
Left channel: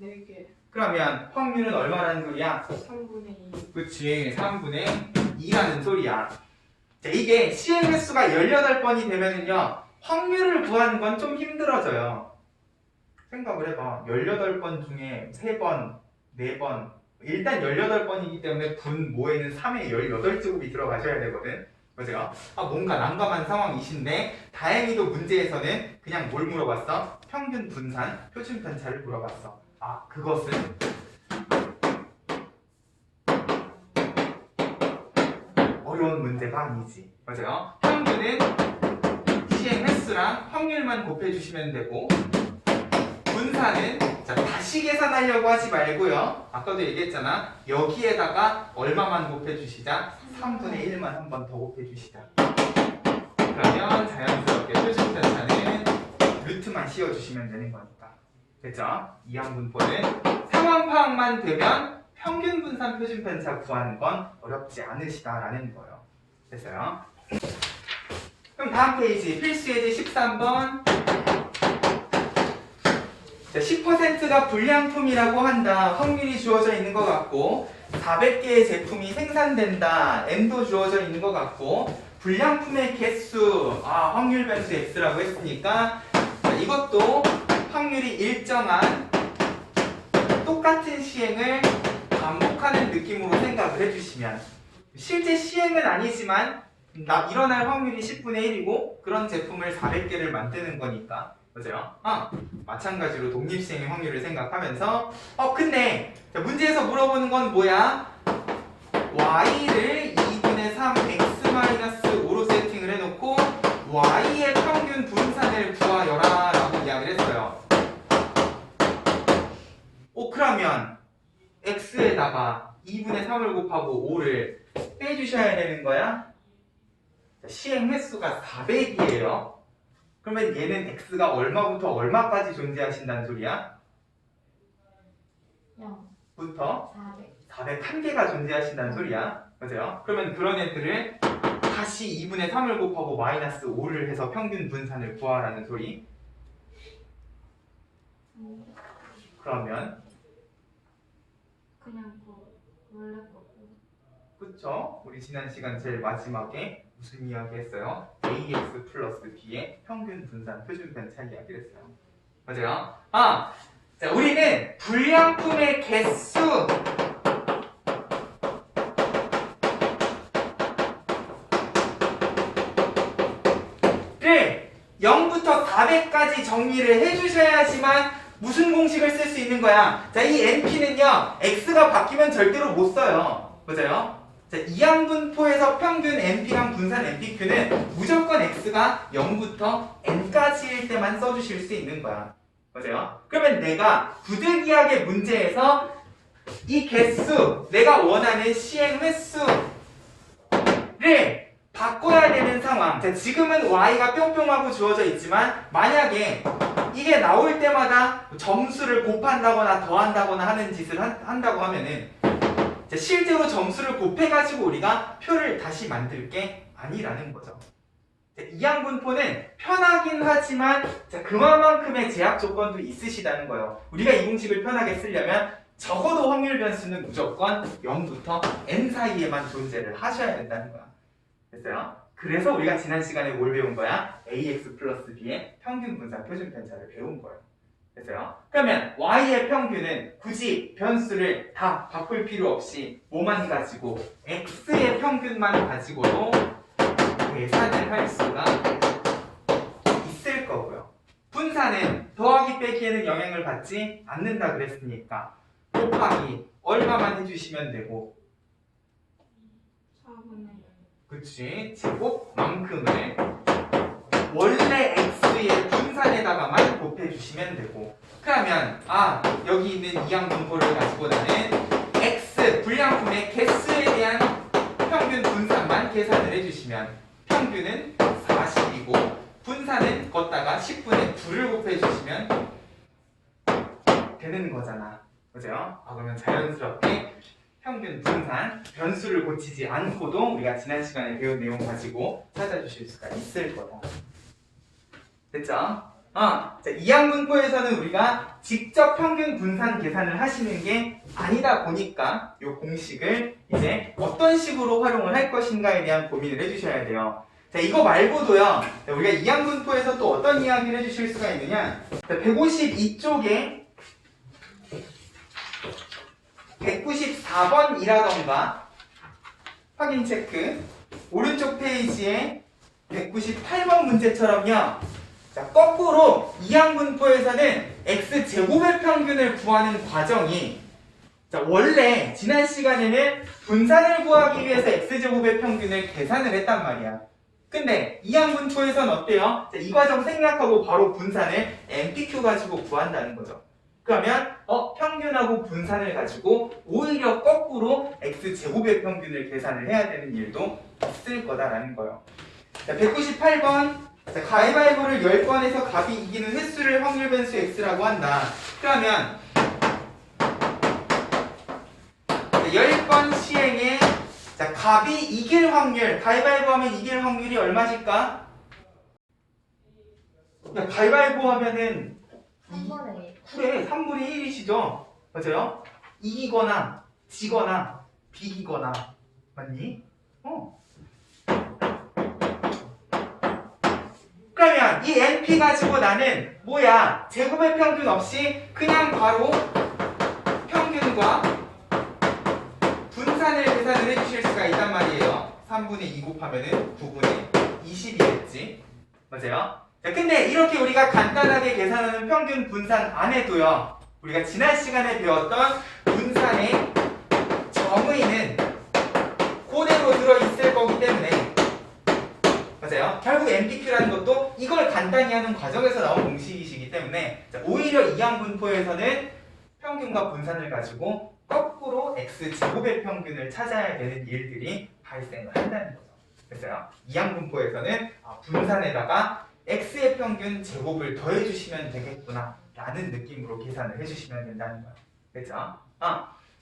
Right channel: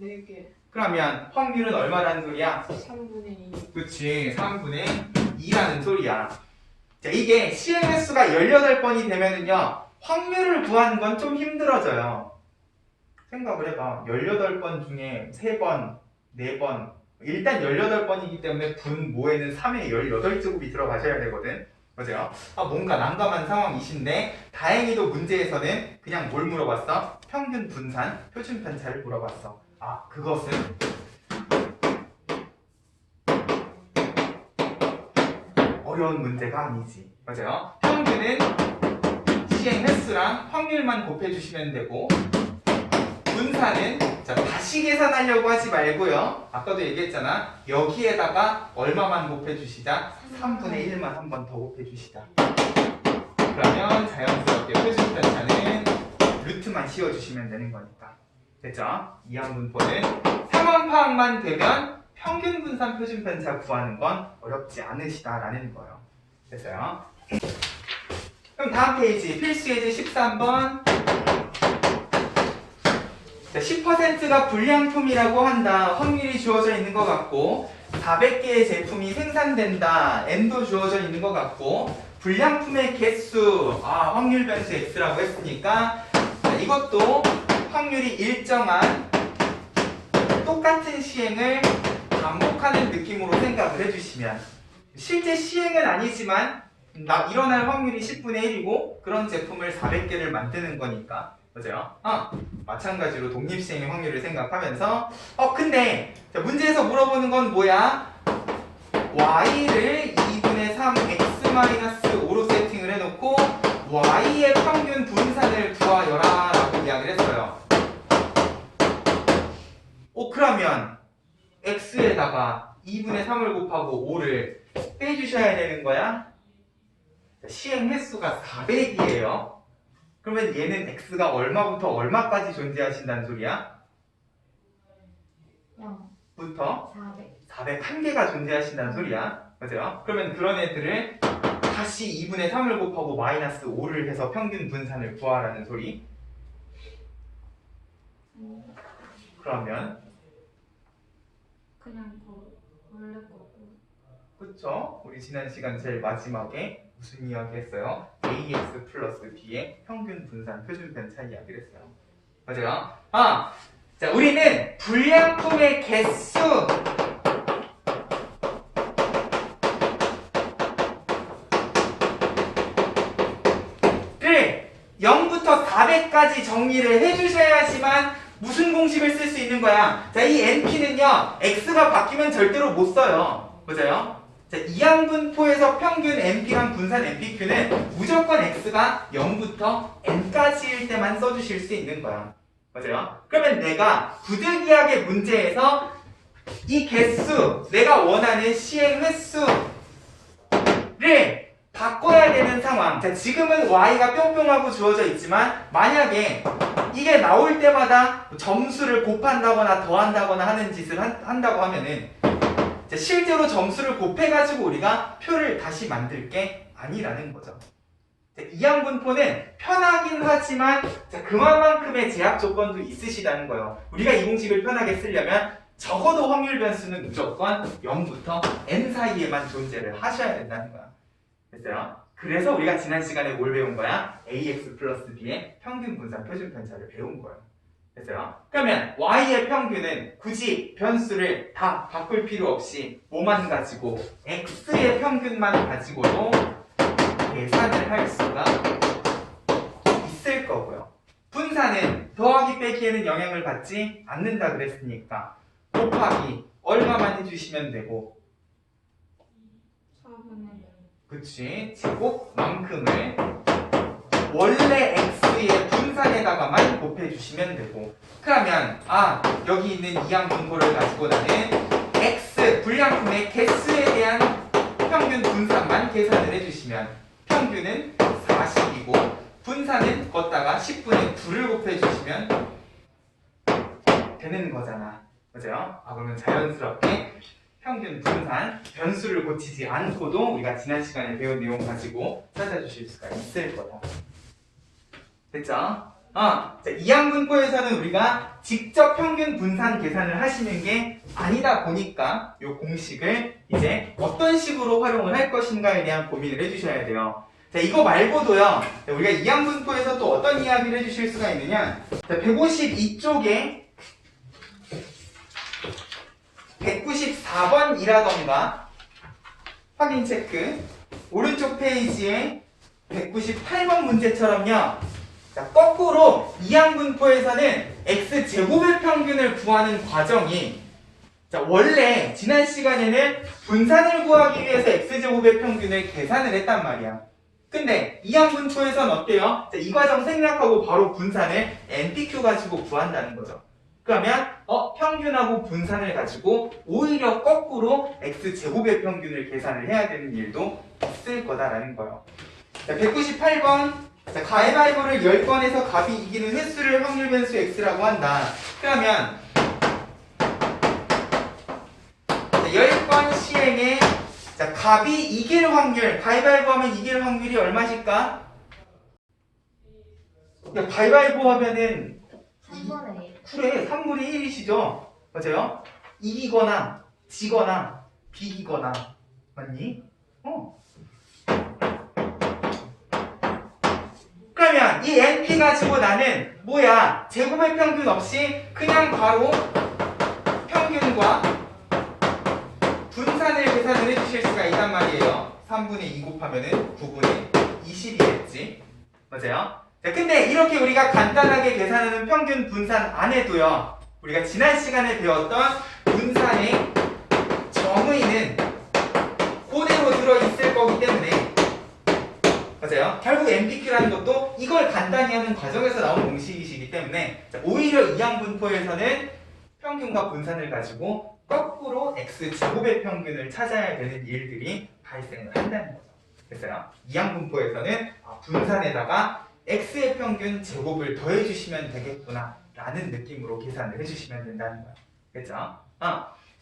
4개. 그러면 확률은 얼마라는 소리야? 3분의 2. 그치, 3분의 2라는 소리야. 자, 이게 시행 횟수가 18번이 되면은요, 확률을 구하는 건 좀 힘들어져요. 생각을 해봐. 18번 중에 3번, 4번. 일단 18번이기 때문에 분모에는 3의 18제곱이 들어가셔야 되거든. 그죠? 뭔가 난감한 상황이신데 다행히도 문제에서는 그냥 뭘 물어봤어? 평균 분산, 표준 편차를 물어봤어. 그것은 어려운 문제가 아니지. 맞아요? 평균은 시행 횟수랑 확률만 곱해주시면 되고 분산은 자, 다시 계산하려고 하지 말고요. 아까도 얘기했잖아. 여기에다가 얼마만 곱해주시자? 3분의 1만 한 번 더 곱해주시자. 그러면 자연스럽게 표준 편차는 루트만 씌워주시면 되는 거니까. 됐죠? 이항 분포는 상황 파악만 되면 평균 분산 표준 편차 구하는 건 어렵지 않으시다라는 거예요. 됐어요? 그럼 다음 페이지 필수 예제 13번. 자, 10%가 불량품이라고 한다. 확률이 주어져 있는 것 같고 400개의 제품이 생산된다. N도 주어져 있는 것 같고 불량품의 개수 확률 변수 X라고 했으니까 자, 이것도 확률이 일정한 똑같은 시행을 반복하는 느낌으로 생각을 해주시면 실제 시행은 아니지만 일어날 확률이 10분의 1이고 그런 제품을 400개를 만드는 거니까 그죠? 마찬가지로 독립시행의 확률을 생각하면서 근데 자, 문제에서 물어보는 건 뭐야? y를 2분의 3 x-5로 세팅을 해놓고 y의 평균 분산을 구하여라 라고 이야기를 했어요. 그러면 x에다가 2분의 3을 곱하고 5를 빼주셔야 되는 거야? 자, 시행 횟수가 400이에요. 그러면 얘는 x가 얼마부터 얼마까지 존재하신다는 소리야? 0부터 401개가 존재하신다는 소리야. 맞아요? 그러면 그런 애들을 다시 2분의 3을 곱하고 마이너스 5를 해서 평균 분산을 구하라는 소리. 그러면 그냥 원래 거고. 그쵸? 우리 지난 시간 제일 마지막에 무슨 이야기 했어요? ax 플러스 b의 평균 분산 표준 편차 이야기를 했어요. 맞아요? 자, 우리는 불량품의 개수를 0부터 400까지 정리를 해주셔야지만 무슨 공식을 쓸 수 있는 거야? 자, 이 np는요, x가 바뀌면 절대로 못 써요. 맞아요? 자, 이항 분포에서 평균 np랑 분산 npq는 무조건 x가 0부터 n까지일 때만 써주실 수 있는 거야. 맞아요? 그러면 내가 부득이하게 문제에서 이 개수, 내가 원하는 시행 횟수 왜? 바꿔야 되는 상황. 자, 지금은 y가 뿅뿅하고 주어져 있지만 만약에 이게 나올 때마다 점수를 곱한다거나 더한다거나 하는 짓을 한다고 하면은 자, 실제로 점수를 곱해가지고 우리가 표를 다시 만들 게 아니라는 거죠. 자, 이항분포는 편하긴 하지만 자, 그만큼의 제약 조건도 있으시다는 거예요. 우리가 이 공식을 편하게 쓰려면 적어도 확률 변수는 무조건 0부터 n 사이에만 존재를 하셔야 된다는 거야. 됐어요? 그래서 우리가 지난 시간에 뭘 배운 거야? ax 플러스 b의 평균 분산 표준 편차를 배운 거예요. 됐어요? 그러면 y의 평균은 굳이 변수를 다 바꿀 필요 없이 뭐만 가지고 x의 평균만 가지고도 계산을 할 수가 있을 거고요. 분산은 더하기 빼기에는 영향을 받지 않는다 그랬으니까 곱하기 얼마만 해주시면 되고 4분의 0. 그치? 제곱만큼을 원래 x의 분산에다가만 곱해주시면 되고 그러면 여기 있는 이항분포를 가지고 나는 x 불량품의 개수에 대한 평균 분산만 계산을 해주시면 평균은 40이고 분산은 걷다가 10분의 9를 곱해주시면 되는 거잖아. 그죠? 그러면 자연스럽게 평균 분산 변수를 고치지 않고도 우리가 지난 시간에 배운 내용 가지고 찾아주실 수가 있을 거다. 됐죠? 자, 이항분포에서는 우리가 직접 평균 분산 계산을 하시는 게 아니다 보니까 이 공식을 이제 어떤 식으로 활용을 할 것인가에 대한 고민을 해주셔야 돼요. 자, 이거 말고도요, 자, 우리가 이항분포에서 또 어떤 이야기를 해주실 수가 있느냐? 자, 152쪽에 194번이라던가 확인 체크 오른쪽 페이지에 198번 문제처럼요. 자, 거꾸로 이항분포에서는 x제곱의 평균을 구하는 과정이 자, 원래 지난 시간에는 분산을 구하기 위해서 x제곱의 평균을 계산을 했단 말이야. 근데 이항분포에서는 어때요? 자, 이 과정 생략하고 바로 분산을 NPQ 가지고 구한다는 거죠. 그러면 평균하고 분산을 가지고 오히려 거꾸로 x제곱의 평균을 계산을 해야 되는 일도 있을 거다라는 거예요. 자, 198번 자, 가위바위보를 10번에서 값이 이기는 횟수를 확률 변수 x라고 한다. 그러면 10번 시행에 자, 값이 이길 확률 가위바위보 하면 이길 확률이 얼마실까? 야, 가위바위보 하면은 3분의 1. 그래, 3분의 1이시죠? 맞아요? 이기거나 지거나 비기거나 맞니? 그러면 이 NP 가지고 나는 뭐야? 제곱의 평균 없이 그냥 바로 평균과 분산을 계산을 해주실 수가 있단 말이에요. 3분의 2 곱하면은 9분의 20이겠지. 맞아요? 자, 근데 이렇게 우리가 간단하게 계산하는 평균 분산 안 해도요. 우리가 지난 시간에 배웠던 분산의 정의는 그대로 들어있을 거기 때문에 맞아요? 결국 MPQ라는 것도 이걸 간단히 하는 과정에서 나온 공식이시기 때문에 오히려 이항분포에서는 평균과 분산을 가지고 거꾸로 x제곱의 평균을 찾아야 되는 일들이 발생을 한다는 거죠. 됐어요? 이항분포에서는 분산에다가 x의 평균 제곱을 더해주시면 되겠구나 라는 느낌으로 계산을 해주시면 된다는 거예요. 그렇죠?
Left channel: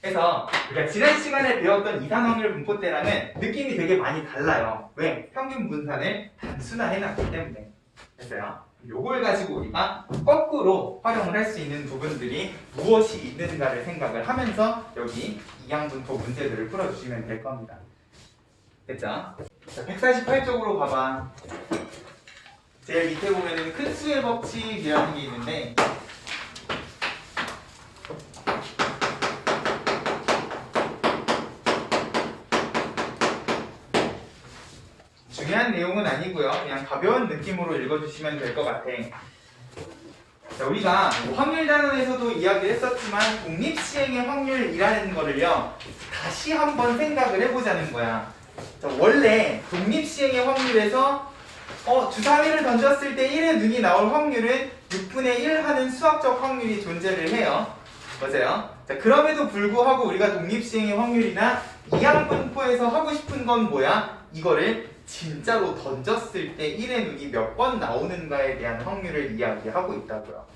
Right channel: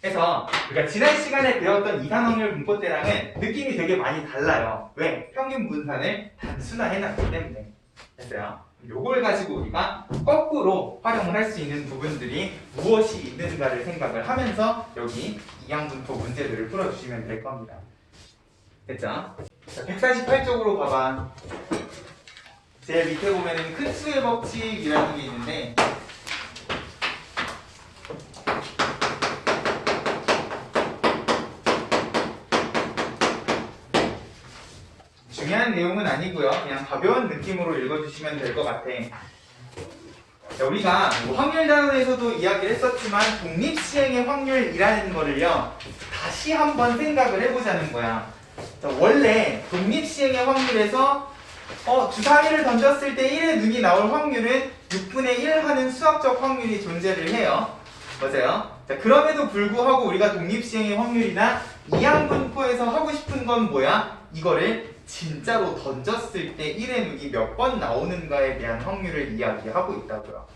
그래서 우리가 지난 시간에 배웠던 이산확률 분포 때랑은 느낌이 되게 많이 달라요. 왜? 평균 분산을 단순화해놨기 때문에. 됐어요? 요걸 가지고 우리가 거꾸로 활용을 할 수 있는 부분들이 무엇이 있는가를 생각을 하면서 여기 이항분포 문제들을 풀어주시면 될 겁니다. 됐죠? 자, 148쪽으로 가봐. 제일 밑에 보면은 큰 수의 법칙이라는 게 있는데 중요한 내용은 아니고요. 그냥 가벼운 느낌으로 읽어주시면 될 것 같아. 자, 우리가 확률 단원에서도 이야기를 했었지만 독립시행의 확률이라는 거를요. 다시 한번 생각을 해보자는 거야. 자, 원래 독립시행의 확률에서 주사위를 던졌을 때 1의 눈이 나올 확률은 6분의 1 하는 수학적 확률이 존재를 해요. 맞아요? 자, 그럼에도 불구하고 우리가 독립시행의 확률이나 이항분포에서 하고 싶은 건 뭐야? 이거를 진짜로 던졌을 때 1의 눈이 몇 번 나오는가에 대한 확률을 이야기하고 있다고요.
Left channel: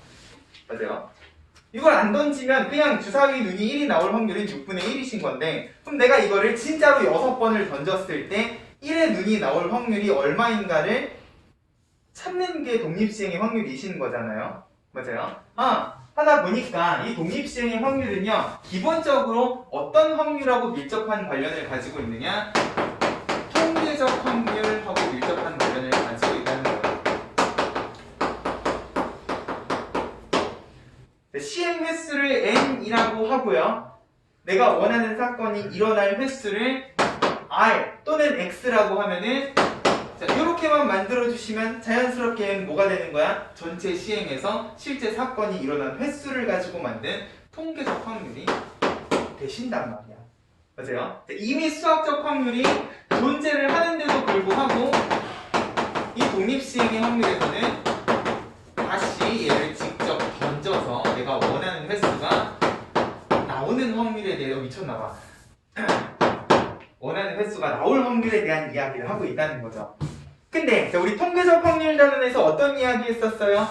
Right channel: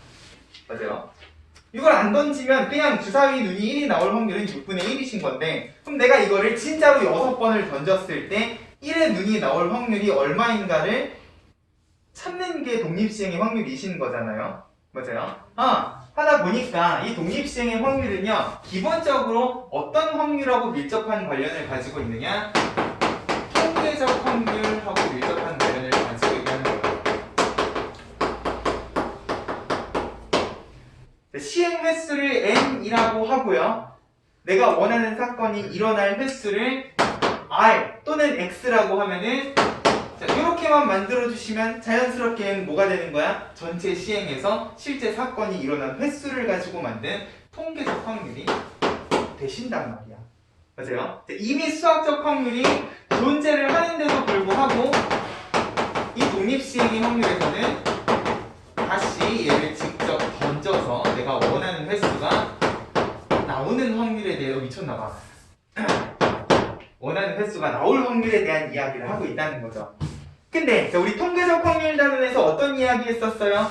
맞아요? 이걸 안 던지면 그냥 주사위 눈이 1이 나올 확률은 6분의 1이신 건데, 그럼 내가 이거를 진짜로 6번을 던졌을 때 1의 눈이 나올 확률이 얼마인가를 찾는 게 독립시행의 확률이신 거잖아요. 맞아요? 하다 보니까 이 독립시행의 확률은요, 기본적으로 어떤 확률하고 밀접한 관련을 가지고 있느냐? 통계적 확률하고 밀접한 관련을 가지고 있다는 거예요. 시행 횟수를 n이라고 하고요. 내가 원하는 사건이 일어날 횟수를 r 또는 x라고 하면은, 자, 이렇게만 만들어주시면 자연스럽게 뭐가 되는 거야? 전체 시행에서 실제 사건이 일어난 횟수를 가지고 만든 통계적 확률이 되신단 말이야. 맞아요? 자, 이미 수학적 확률이 존재를 하는데도 불구하고 이 독립시행의 확률에서는 다시 얘를 직접 던져서 내가 원하는 횟수가 나오는 확률에 대해서 미쳤나봐. 원하는 횟수가 나올 확률에 대한 이야기를 하고 있다는 거죠. 근데 우리 통계적 확률 단원에서 어떤 이야기 했었어요?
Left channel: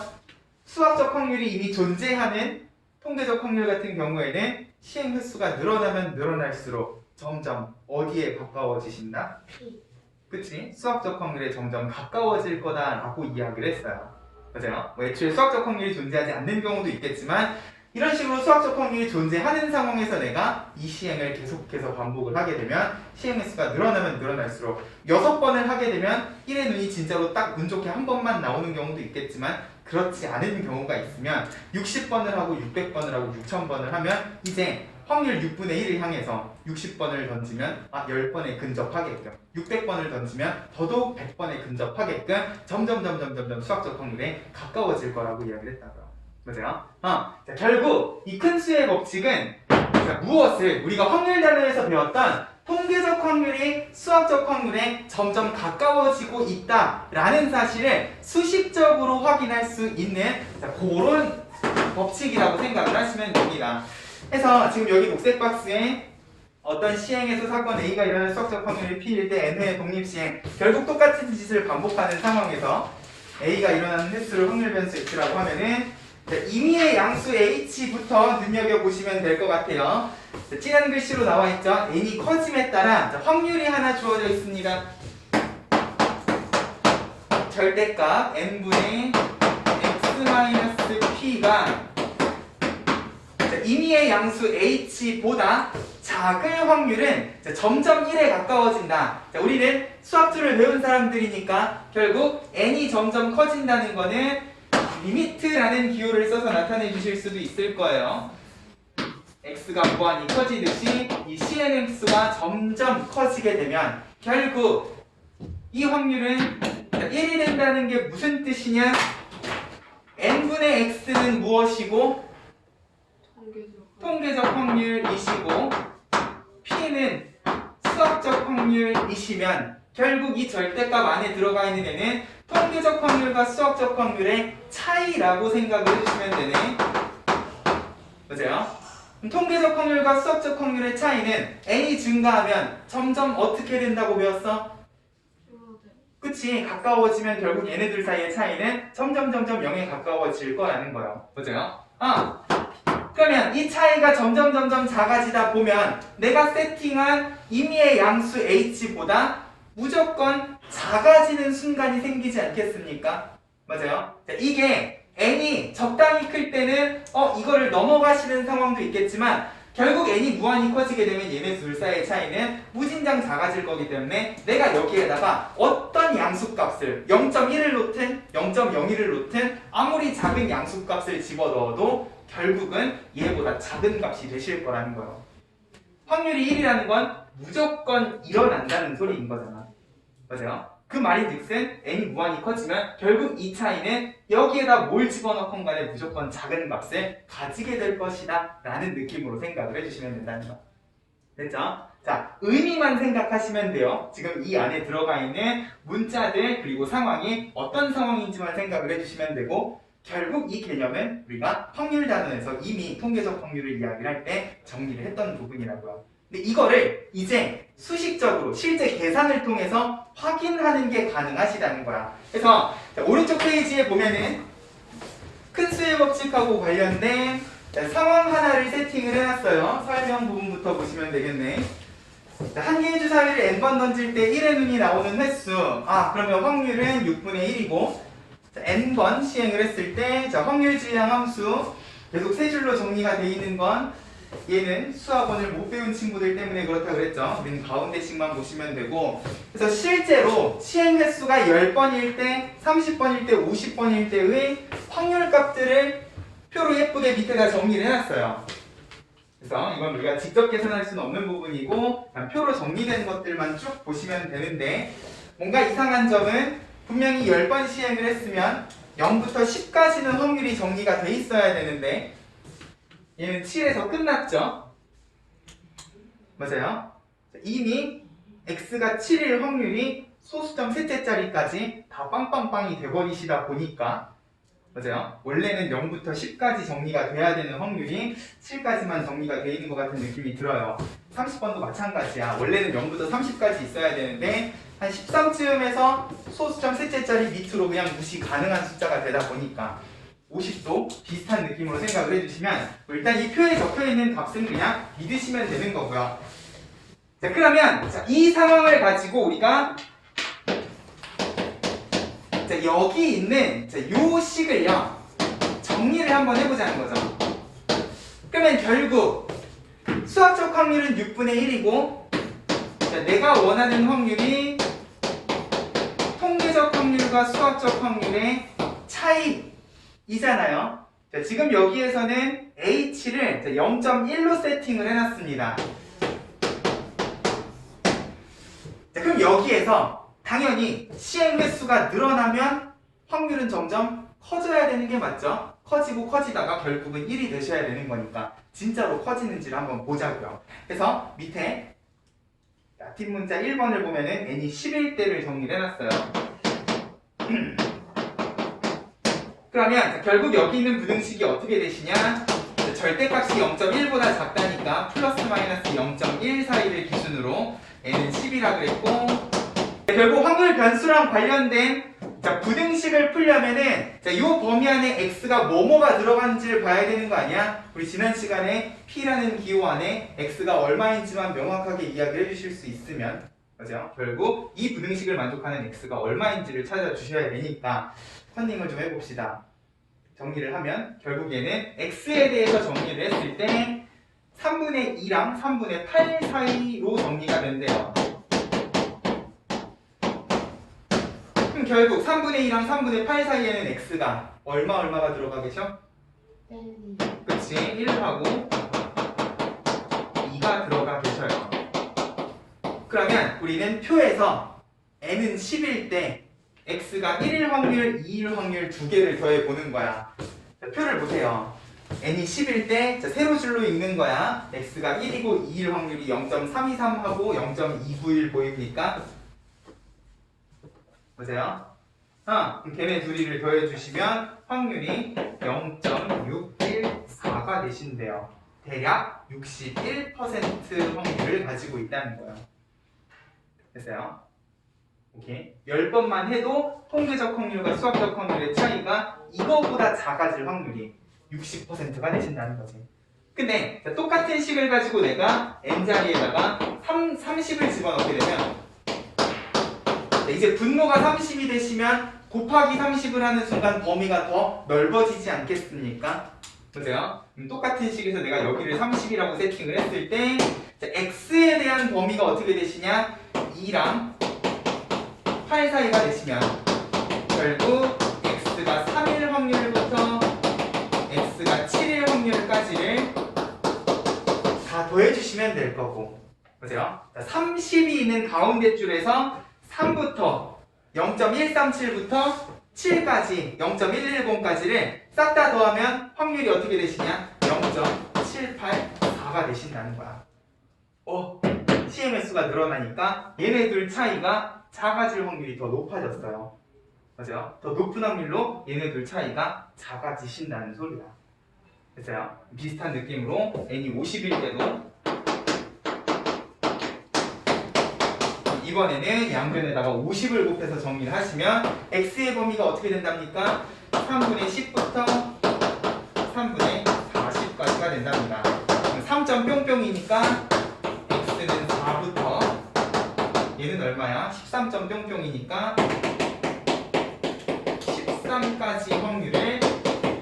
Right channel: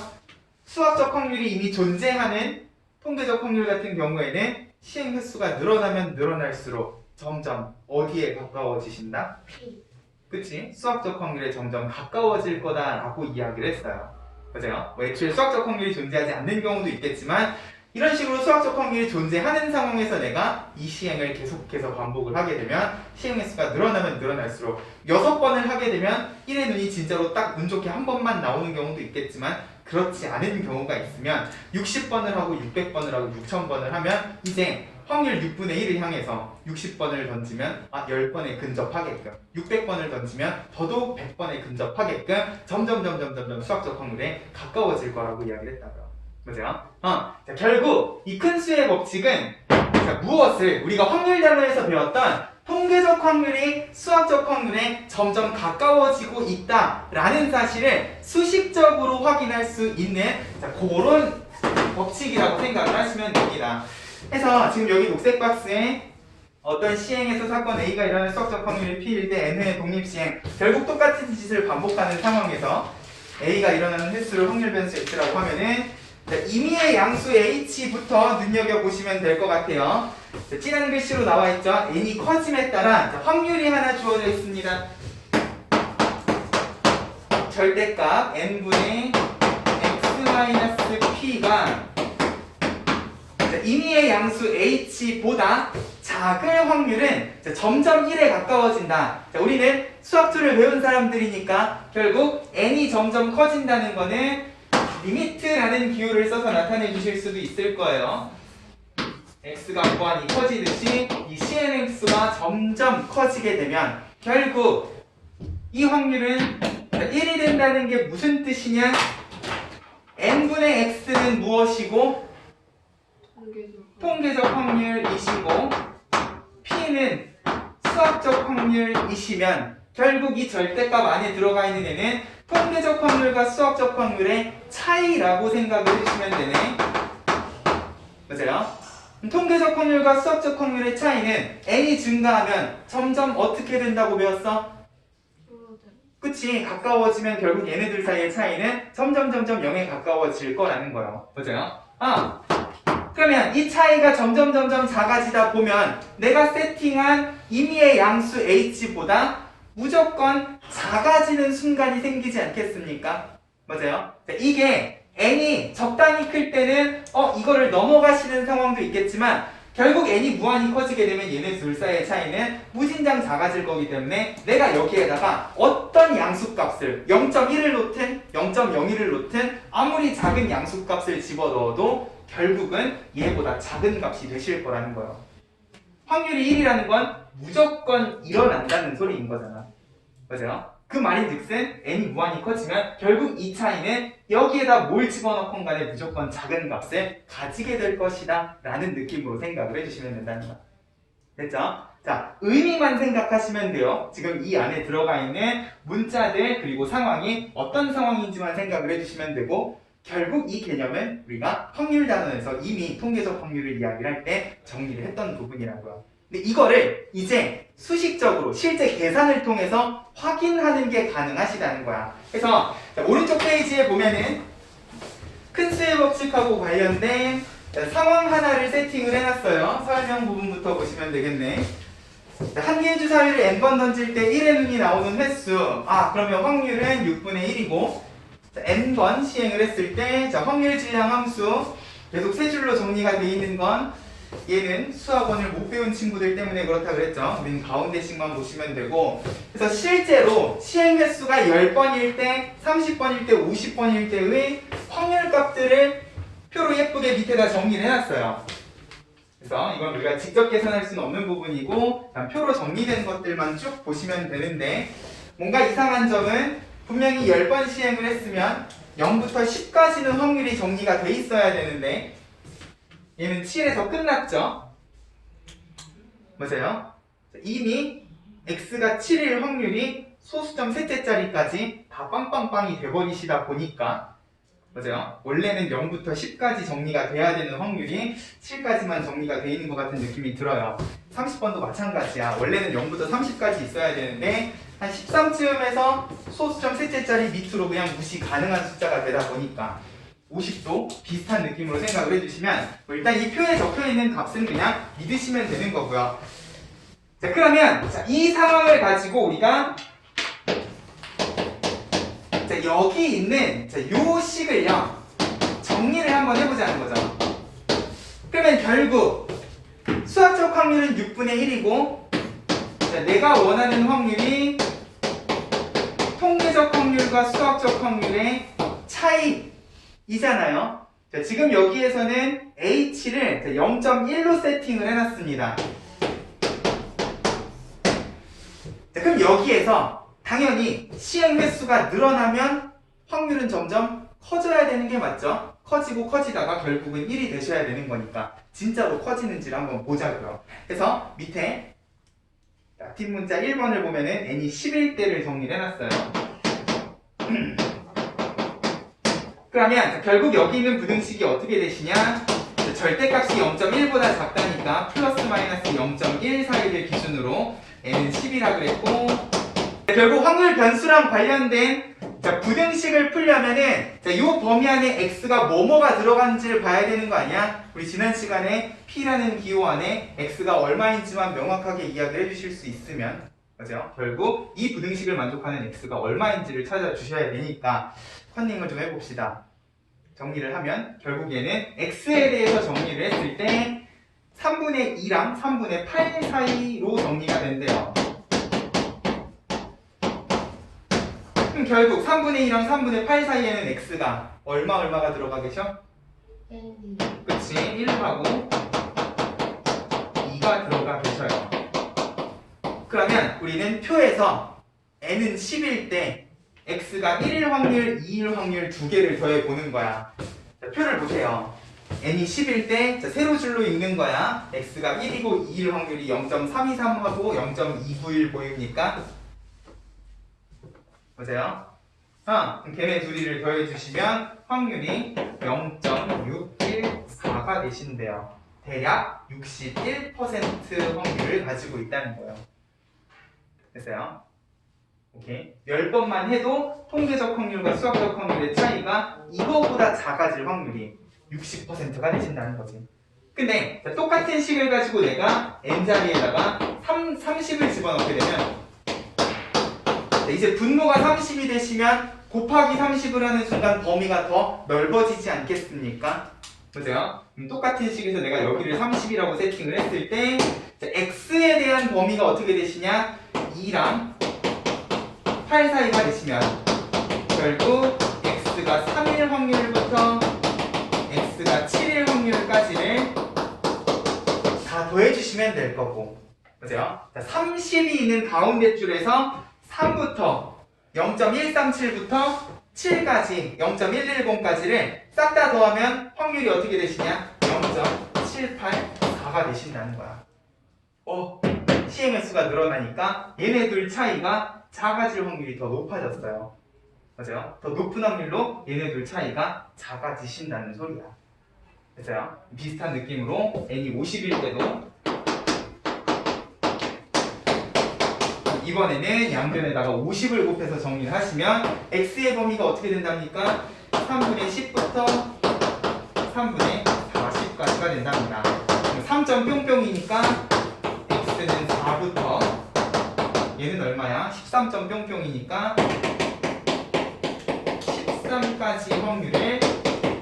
수학적 확률이 이미 존재하는 통계적 확률 같은 경우에는 시행 횟수가 늘어나면 늘어날수록 점점 어디에 가까워지신다? 그치? 수학적 확률에 점점 가까워질 거다라고 이야기를 했어요. 맞아요? 뭐 애초에 수학적 확률이 존재하지 않는 경우도 있겠지만, 이런 식으로 수학적 확률이 존재하는 상황에서 내가 이 시행을 계속해서 반복을 하게 되면 시행 횟수가 늘어나면 늘어날수록 6번을 하게 되면 1의 눈이 진짜로 딱 운 좋게 한 번만 나오는 경우도 있겠지만, 그렇지 않은 경우가 있으면 60번을 하고 600번을 하고 6000번을 하면 이제 확률 6분의 1을 향해서 60번을 던지면 10번에 근접하게끔, 600번을 던지면 더더욱 100번에 근접하게끔 점점 수학적 확률에 가까워질 거라고 이야기를 했다고요. 맞아요? 자, 결국 이 큰 수의 법칙은, 자, 무엇을 우리가 확률 단어에서 배웠던 통계적 확률이 수학적 확률에 점점 가까워지고 있다라는 사실을 수식적으로 확인할 수 있는, 자, 그런 법칙이라고 생각을 하시면 됩니다. 그래서 지금 여기 녹색 박스에 어떤 시행에서 사건 A가 일어날 수학적 확률이 P일 때 N회의 독립시행, 결국 똑같은 짓을 반복하는 상황에서 A가 일어나는 횟수를 확률 변수 X라고 하면은, 자, 임의의 양수 H부터 눈여겨보시면 될 것 같아요. 자, 진한 글씨로 나와있죠. n이 커짐에 따라, 자, 확률이 하나 주어져 있습니다. 절대값 n분의 x-p가 임의의 양수 h보다 작을 확률은 점점 1에 가까워진다. 자, 우리는 수학주를 배운 사람들이니까 결국 n이 점점 커진다는 거는 리미트라는 기호를 써서 나타내 주실 수도 있을 거예요. x가 무한히 커지듯이 이 CNX가 점점 커지게 되면 결국 이 확률은 1이 된다는 게 무슨 뜻이냐? n분의 x는 무엇이고? 통계적 확률이시고 p는 수학적 확률이시면 결국 이 절대값 안에 들어가 있는 애는 통계적 확률과 수학적 확률의 차이라고 생각을 해주시면 되네. 맞아요? 통계적 확률과 수학적 확률의 차이는 n이 증가하면 점점 어떻게 된다고 배웠어? 그치? 가까워지면 결국 얘네들 사이의 차이는 점점 0에 가까워질 거라는 거예요. 맞아요? 그러면 이 차이가 점점 작아지다 보면 내가 세팅한 임의의 양수 h보다 무조건 작아지는 순간이 생기지 않겠습니까? 맞아요? 자, 이게 n이 적당히 클 때는 이거를 넘어가시는 상황도 있겠지만 결국 n이 무한히 커지게 되면 얘네 둘 사이의 차이는 무진장 작아질 거기 때문에 내가 여기에다가 어떤 양수값을 0.1을 놓든 0.01을 놓든 아무리 작은 양수값을 집어넣어도 결국은 얘보다 작은 값이 되실 거라는 거예요. 확률이 1이라는 건 무조건 일어난다는 소리인 거잖아. 맞아요? 그 말인 즉슨 n이 무한히 커지면 결국 이 차이는 여기에다 뭘 집어넣건 간에 무조건 작은 값을 가지게 될 것이다 라는 느낌으로 생각을 해주시면 된다는 거. 됐죠? 자, 의미만 생각하시면 돼요. 지금 이 안에 들어가 있는 문자들 그리고 상황이 어떤 상황인지만 생각을 해주시면 되고, 결국 이 개념은 우리가 확률 단원에서 이미 통계적 확률을 이야기를 할 때 정리를 했던 부분이라고요. 근데 이거를 이제 수식적으로 실제 계산을 통해서 확인하는 게 가능하시다는 거야. 그래서 자, 오른쪽 페이지에 보면은 큰 수의 법칙하고 관련된 상황 하나를 세팅을 해놨어요. 설명 부분부터 보시면 되겠네. 한 개의 주사위를 n번 던질 때 1의 눈이 나오는 횟수. 그러면 확률은 6분의 1이고 n번 시행을 했을 때 확률 질량 함수 계속 세 줄로 정리가 되어 있는 건 얘는 수학원을 못 배운 친구들 때문에 그렇다고 그랬죠. 우리는 가운데씩만 보시면 되고, 그래서 실제로 시행 횟수가 10번일 때, 30번일 때, 50번일 때의 확률 값들을 표로 예쁘게 밑에다 정리를 해놨어요. 그래서 이건 우리가 직접 계산할 수는 없는 부분이고 표로 정리된 것들만 쭉 보시면 되는데, 뭔가 이상한 점은 분명히 10번 시행을 했으면 0부터 10까지는 확률이 정리가 돼 있어야 되는데 얘는 7에서 끝났죠? 맞아요? 이미 x가 7일 확률이 소수점 셋째 자리까지 다 빵빵빵이 돼버리시다 보니까, 맞아요? 원래는 0부터 10까지 정리가 돼야 되는 확률이 7까지만 정리가 돼 있는 것 같은 느낌이 들어요. 30번도 마찬가지야. 원래는 0부터 30까지 있어야 되는데 한 13쯤에서 소수점 셋째 자리 밑으로 그냥 무시 가능한 숫자가 되다 보니까 50도 비슷한 느낌으로 생각을 해주시면 일단 이 표에 적혀있는 값은 그냥 믿으시면 되는 거고요. 자, 그러면 이 상황을 가지고 우리가 여기 있는 요 식을요 정리를 한번 해보자는 거죠. 그러면 결국 수학적 확률은 6분의 1이고 내가 원하는 확률이 통계적 확률과 수학적 확률의 차이이잖아요. 지금 여기에서는 h를 0.1로 세팅을 해놨습니다. 그럼 여기에서 당연히 시행 횟수가 늘어나면 확률은 점점 커져야 되는 게 맞죠? 커지고 커지다가 결국은 1이 되셔야 되는 거니까 진짜로 커지는지를 한번 보자고요. 그래서 밑에 뒷문자 1번을 보면은 n이 11대를 정리를 해놨어요. 그러면 결국 여기 있는 부등식이 어떻게 되시냐? 절대값이 0.1보다 작다니까 플러스 마이너스 0.1 사이를 기준으로 n은 10이라 그랬고, 결국 확률 변수랑 관련된 부등식을 풀려면은 이 범위 안에 x가 뭐뭐가 들어간지를 봐야 되는 거 아니야? 우리 지난 시간에 p라는 기호 안에 x가 얼마인지만 명확하게 이야기를 해주실 수 있으면, 맞아요? 결국 이 부등식을 만족하는 x가 얼마인지를 찾아주셔야 되니까 컨닝을 좀 해봅시다. 정리를 하면 결국에는 x에 대해서 정리를 했을 때 3분의 2랑 3분의 8 사이로 정리가 된대요. 그럼 결국 3분의 2랑 3분의 8 사이에는 x가 얼마가 들어가 계셔? 그치, 1하고 2가 들어가 계셔요. 그러면 우리는 표에서 n은 10일 때 x가 1일 확률, 2일 확률 두 개를 더해 보는 거야. 자, 표를 보세요. n이 10일 때 세로 줄로 읽는 거야. x가 1이고 2일 확률이 0.323하고 0.291 보입니까? 보세요. 그럼 걔네 둘이를 더해주시면 확률이 0.614가 되신대요. 대략 61% 확률을 가지고 있다는 거예요. 됐어요? 오케이. 10번만 해도 통계적 확률과 수학적 확률의 차이가 이거보다 작아질 확률이 60%가 되신다는 거지. 근데 똑같은 식을 가지고 내가 n자리에다가 30을 집어넣게 되면 이제 분모가 30이 되시면 곱하기 30을 하는 순간 범위가 더 넓어지지 않겠습니까? 보세요. 똑같은 식에서 내가 여기를 30이라고 세팅을 했을 때 x에 대한 범위가 어떻게 되시냐? 2랑 8 사이가 되시면 결국 x가 3일 확률부터 x가 7일 확률까지를 다 더해주시면 될 거고, 보세요. 30이 있는 가운데 줄에서 3부터 0.137부터 7까지 0.110까지를 싹 다 더하면 확률이 어떻게 되시냐? 0.784가 되신다는 거야. 시행 횟수가 늘어나니까 얘네들 차이가 작아질 확률이 더 높아졌어요. 맞아요? 더 높은 확률로 얘네들 차이가 작아지신다는 소리야. 됐어요? 비슷한 느낌으로 n이 50일 때도 이번에는 양변에다가 50을 곱해서 정리를 하시면 x의 범위가 어떻게 된답니까? 3분의 10부터 3분의 40까지가 된답니다. 3점 뿅뿅이니까 x는 4부터 얘는 얼마야? 13점 뿅뿅이니까 13까지 확률을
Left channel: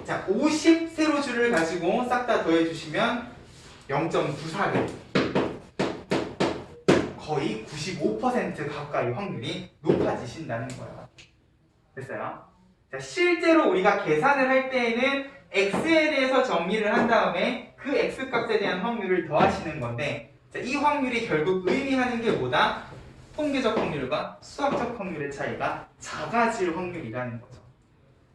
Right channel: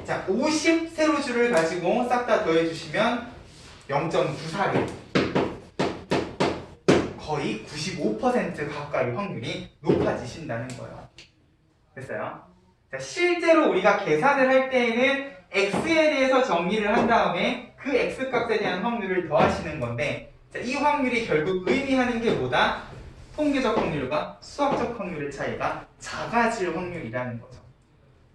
자 50 세로줄을 가지고 싹 다 더해주시면 0.94를 거의 95% 가까이 확률이 높아지신다는 거예요. 됐어요? 자, 실제로 우리가 계산을 할 때에는 x에 대해서 정리를 한 다음에 그 x값에 대한 확률을 더하시는 건데 자, 이 확률이 결국 의미하는 게 뭐다? 통계적 확률과 수학적 확률의 차이가 작아질 확률이라는 거죠.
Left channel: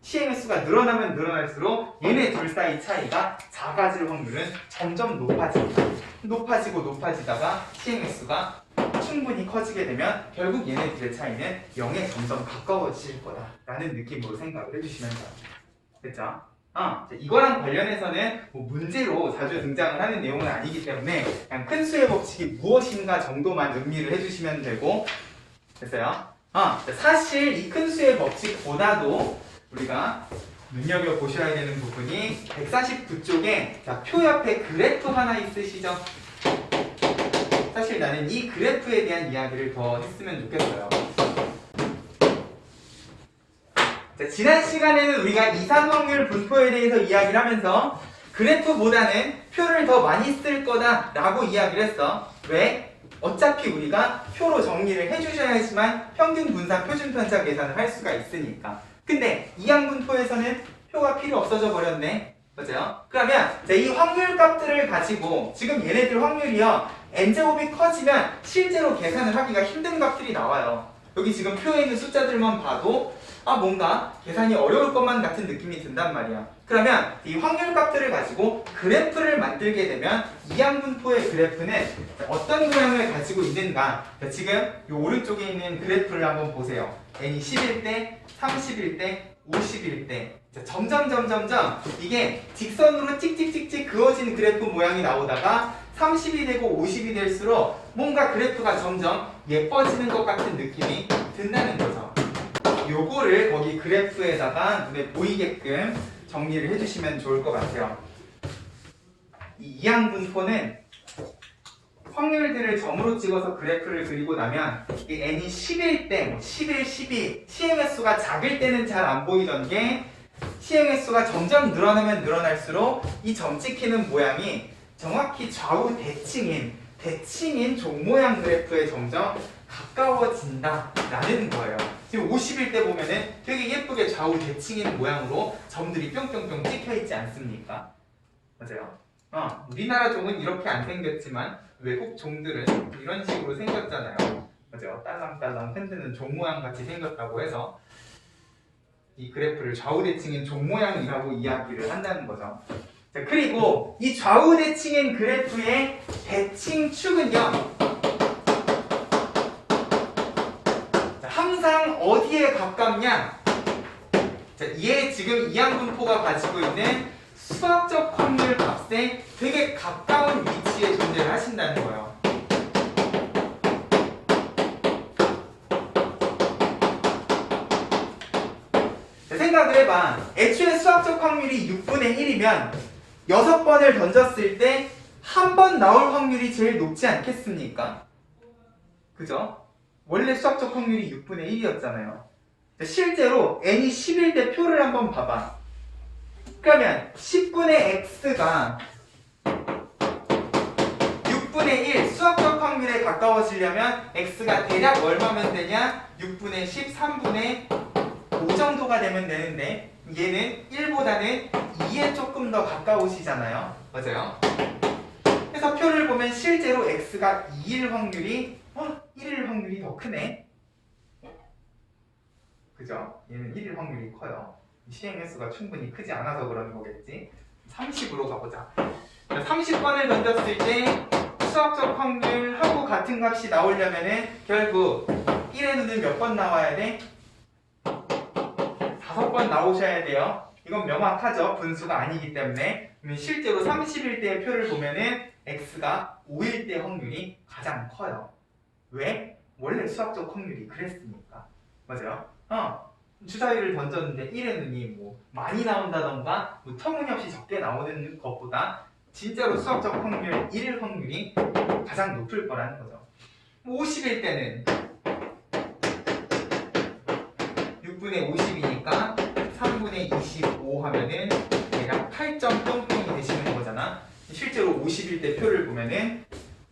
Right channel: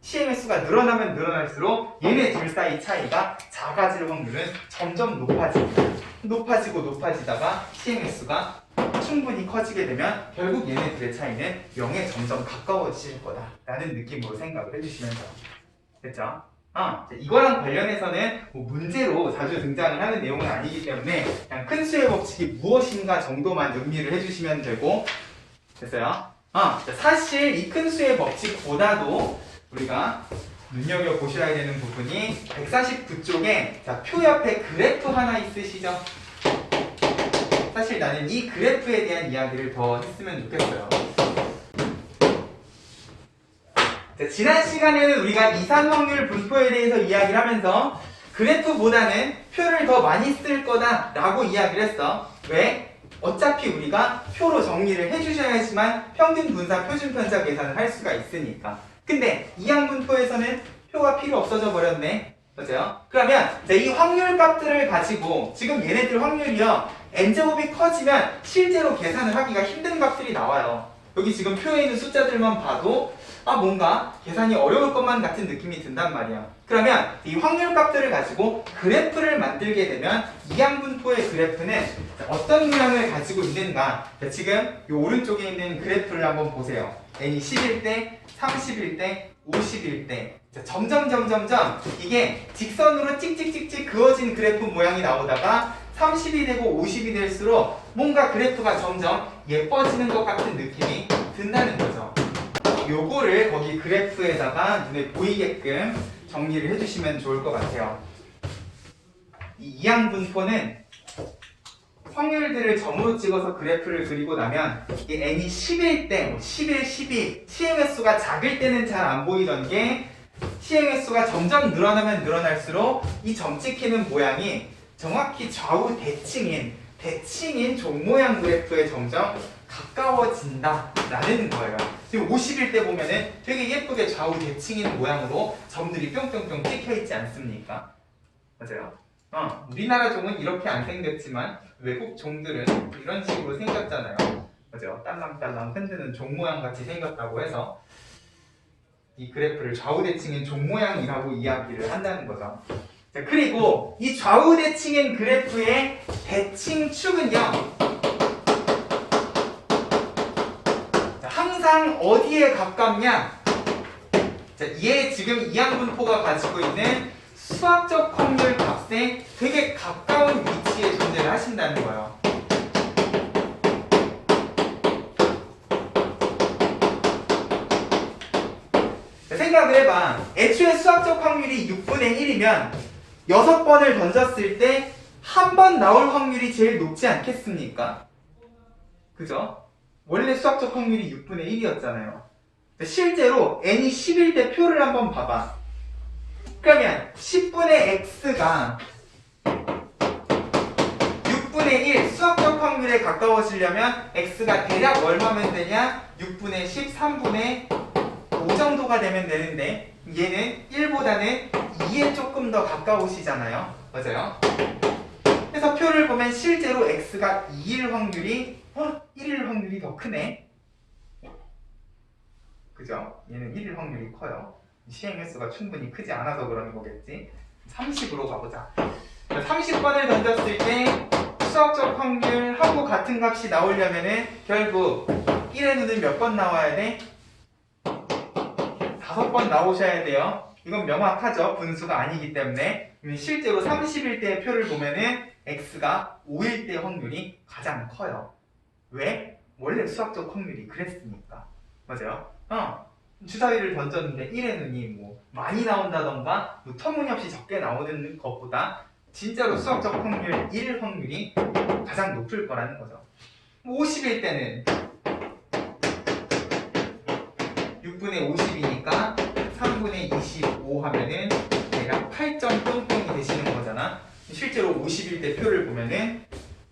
시행의 수가 늘어나면 늘어날수록 얘네 둘 사이 차이가 작아질 확률은 점점 높아지고 높아지다가 시행의 수가 충분히 커지게 되면 결국 얘네 둘의 차이는 0에 점점 가까워질 거다라는 느낌으로 생각을 해주시면 돼요. 됐죠? 이거랑 관련해서는 뭐 문제로 자주 등장을 하는 내용은 아니기 때문에 그냥 큰 수의 법칙이 무엇인가 정도만 음미를 해주시면 되고 됐어요? 사실 이 큰 수의 법칙보다도 우리가 눈여겨보셔야 되는 부분이 149쪽에 자, 표 옆에 그래프 하나 있으시죠? 사실 나는 이 그래프에 대한 이야기를 더 했으면 좋겠어요. 자, 지난 시간에는 우리가 이산 확률 분포에 대해서 이야기를 하면서 그래프보다는 표를 더 많이 쓸 거다라고 이야기를 했어. 왜? 어차피 우리가 표로 정리를 해주셔야지만 평균 분사 표준 편차 계산을 할 수가 있으니까. 근데 이항분포에서는 표가 필요 없어져 버렸네. 그죠? 그러면 이 확률 값들을 가지고 지금 얘네들 확률이요. n제곱이 커지면 실제로 계산을 하기가 힘든 값들이 나와요. 여기 지금 표에 있는 숫자들만 봐도 뭔가 계산이 어려울 것만 같은 느낌이 든단 말이야. 그러면 이 확률 값들을 가지고 그래프를 만들게 되면 이항분포의 그래프는 어떤 모양을 가지고 있는가? 지금 이 오른쪽에 있는 그래프를 한번 보세요. n이 10일 때, 30일 때, 50일 때 점점 이게 직선으로 찍찍찍찍 그어진 그래프 모양이 나오다가 30이 되고 50이 될수록 뭔가 그래프가 점점 예뻐지는 것 같은 느낌이 든다는 거죠. 요거를 거기 그래프에다가 눈에 보이게끔 정리를 해주시면 좋을 것 같아요. 이 이항분포는 확률들을 점으로 찍어서 그래프를 그리고 나면 이 n이 10일 때, 11, 12 시행의 수가 작을 때는 잘 안 보이던 게 시행의 수가 점점 늘어나면 늘어날수록 이 점 찍히는 모양이 정확히 좌우 대칭인 종 모양 그래프에 점점 가까워진다라는 거예요. 지금 50일 때 보면은 되게 예쁘게 좌우 대칭인 모양으로 점들이 뿅뿅뿅 찍혀 있지 않습니까? 맞아요. 우리나라 종은 이렇게 안 생겼지만 외국 종들은 이런 식으로 생겼잖아요. 맞아요. 딸랑딸랑 흔드는 종 모양 같이 생겼다고 해서 이 그래프를 좌우 대칭인 종 모양이라고 이야기를 한다는 거죠. 자, 그리고 이 좌우 대칭인 그래프의 대칭축은요. 자, 항상 어디에 가깝냐? 자, 얘 지금 이항분포가 가지고 있는 수학적 확률 값에 되게 가까운 위치에 존재를 하신다는 거예요. 자, 생각을 해봐. 애초에 수학적 확률이 6분의 1이면 6번을 던졌을 때 한 번 나올 확률이 제일 높지 않겠습니까? 그죠? 원래 수학적 확률이 6분의 1이었잖아요. 실제로 n이 10일 때 표를 한번 봐봐. 그러면 10분의 x가 6분의 1 수학적 확률에 가까워지려면 x가 대략 얼마면 되냐? 6분의 10, 3분의 5 정도가 되면 되는데 얘는 1보다는 2에 조금 더 가까우시잖아요. 맞아요? 그래서 표를 보면 실제로 x가 2일 확률이 1일 확률이 더 크네. 그죠? 얘는 1일 확률이 커요. 시행 횟수가 충분히 크지 않아서 그런 거겠지. 30으로 가보자. 30번을 던졌을 때 수학적 확률하고 같은 값이 나오려면은 결국 1의 눈은 몇 번 나와야 돼? 5번 나오셔야 돼요. 이건 명확하죠. 분수가 아니기 때문에. 실제로 30일 때의 표를 보면은 x가 5일 때 확률이 가장 커요. 왜? 원래 수학적 확률이 그랬으니까. 맞아요? 주사위를 던졌는데 1의 눈이 뭐 많이 나온다던가 뭐 터무니없이 적게 나오는 것보다 진짜로 수학적 확률 1 확률이 가장 높을 거라는 거죠. 50일 때는 6분의 50이니까 3분의 25 하면은 대략 8점 뿅뿅이 되시는 거잖아. 실제로 50일 때 표를 보면은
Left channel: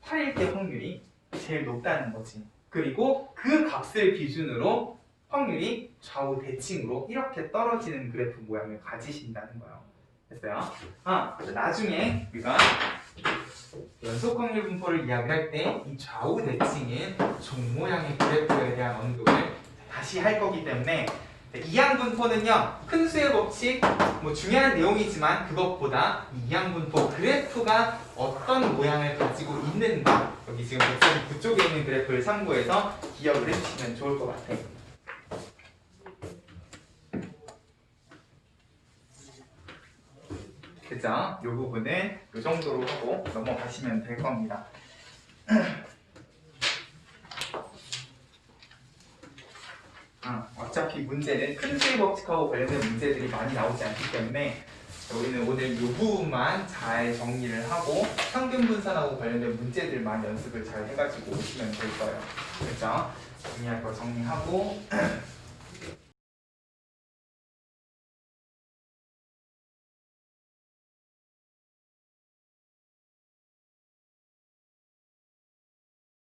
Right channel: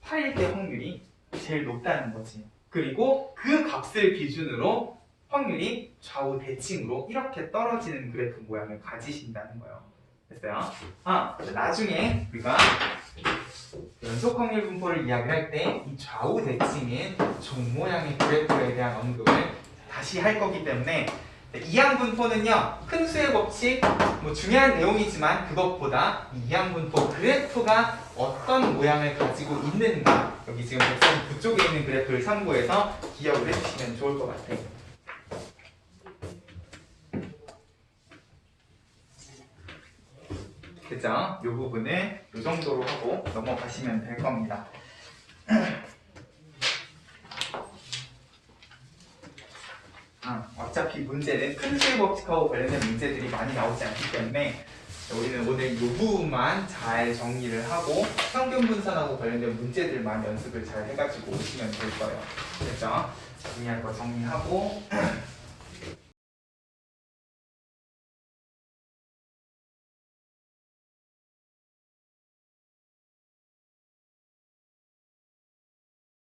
8일 때 확률이 제일 높다는 거지. 그리고 그 값을 기준으로 확률이 좌우 대칭으로 이렇게 떨어지는 그래프 모양을 가지신다는 거예요. 됐어요? 나중에 우리가 연속 확률 분포를 이야기할 때 이 좌우 대칭인 종 모양의 그래프에 대한 언급을 다시 할 거기 때문에 이항 분포는요, 큰 수의 법칙 뭐 중요한 내용이지만 그것보다 이 이항 분포 그래프가 어떤 모양을 가지고 있는가, 여기 지금 139쪽에 있는 그래프를 참고해서 기억을 해주시면 좋을 것 같아요. 그죠? 이 부분은 이 정도로 하고 넘어가시면 될 겁니다. 어차피 문제는 큰 수의 법칙하고 관련된 문제들이 많이 나오지 않기 때문에 우리는 오늘 이 부분만 잘 정리를 하고 평균 분산하고 관련된 문제들만 연습을 잘 해가지고 오시면 될 거예요. 그렇죠? 정리할 거 정리하고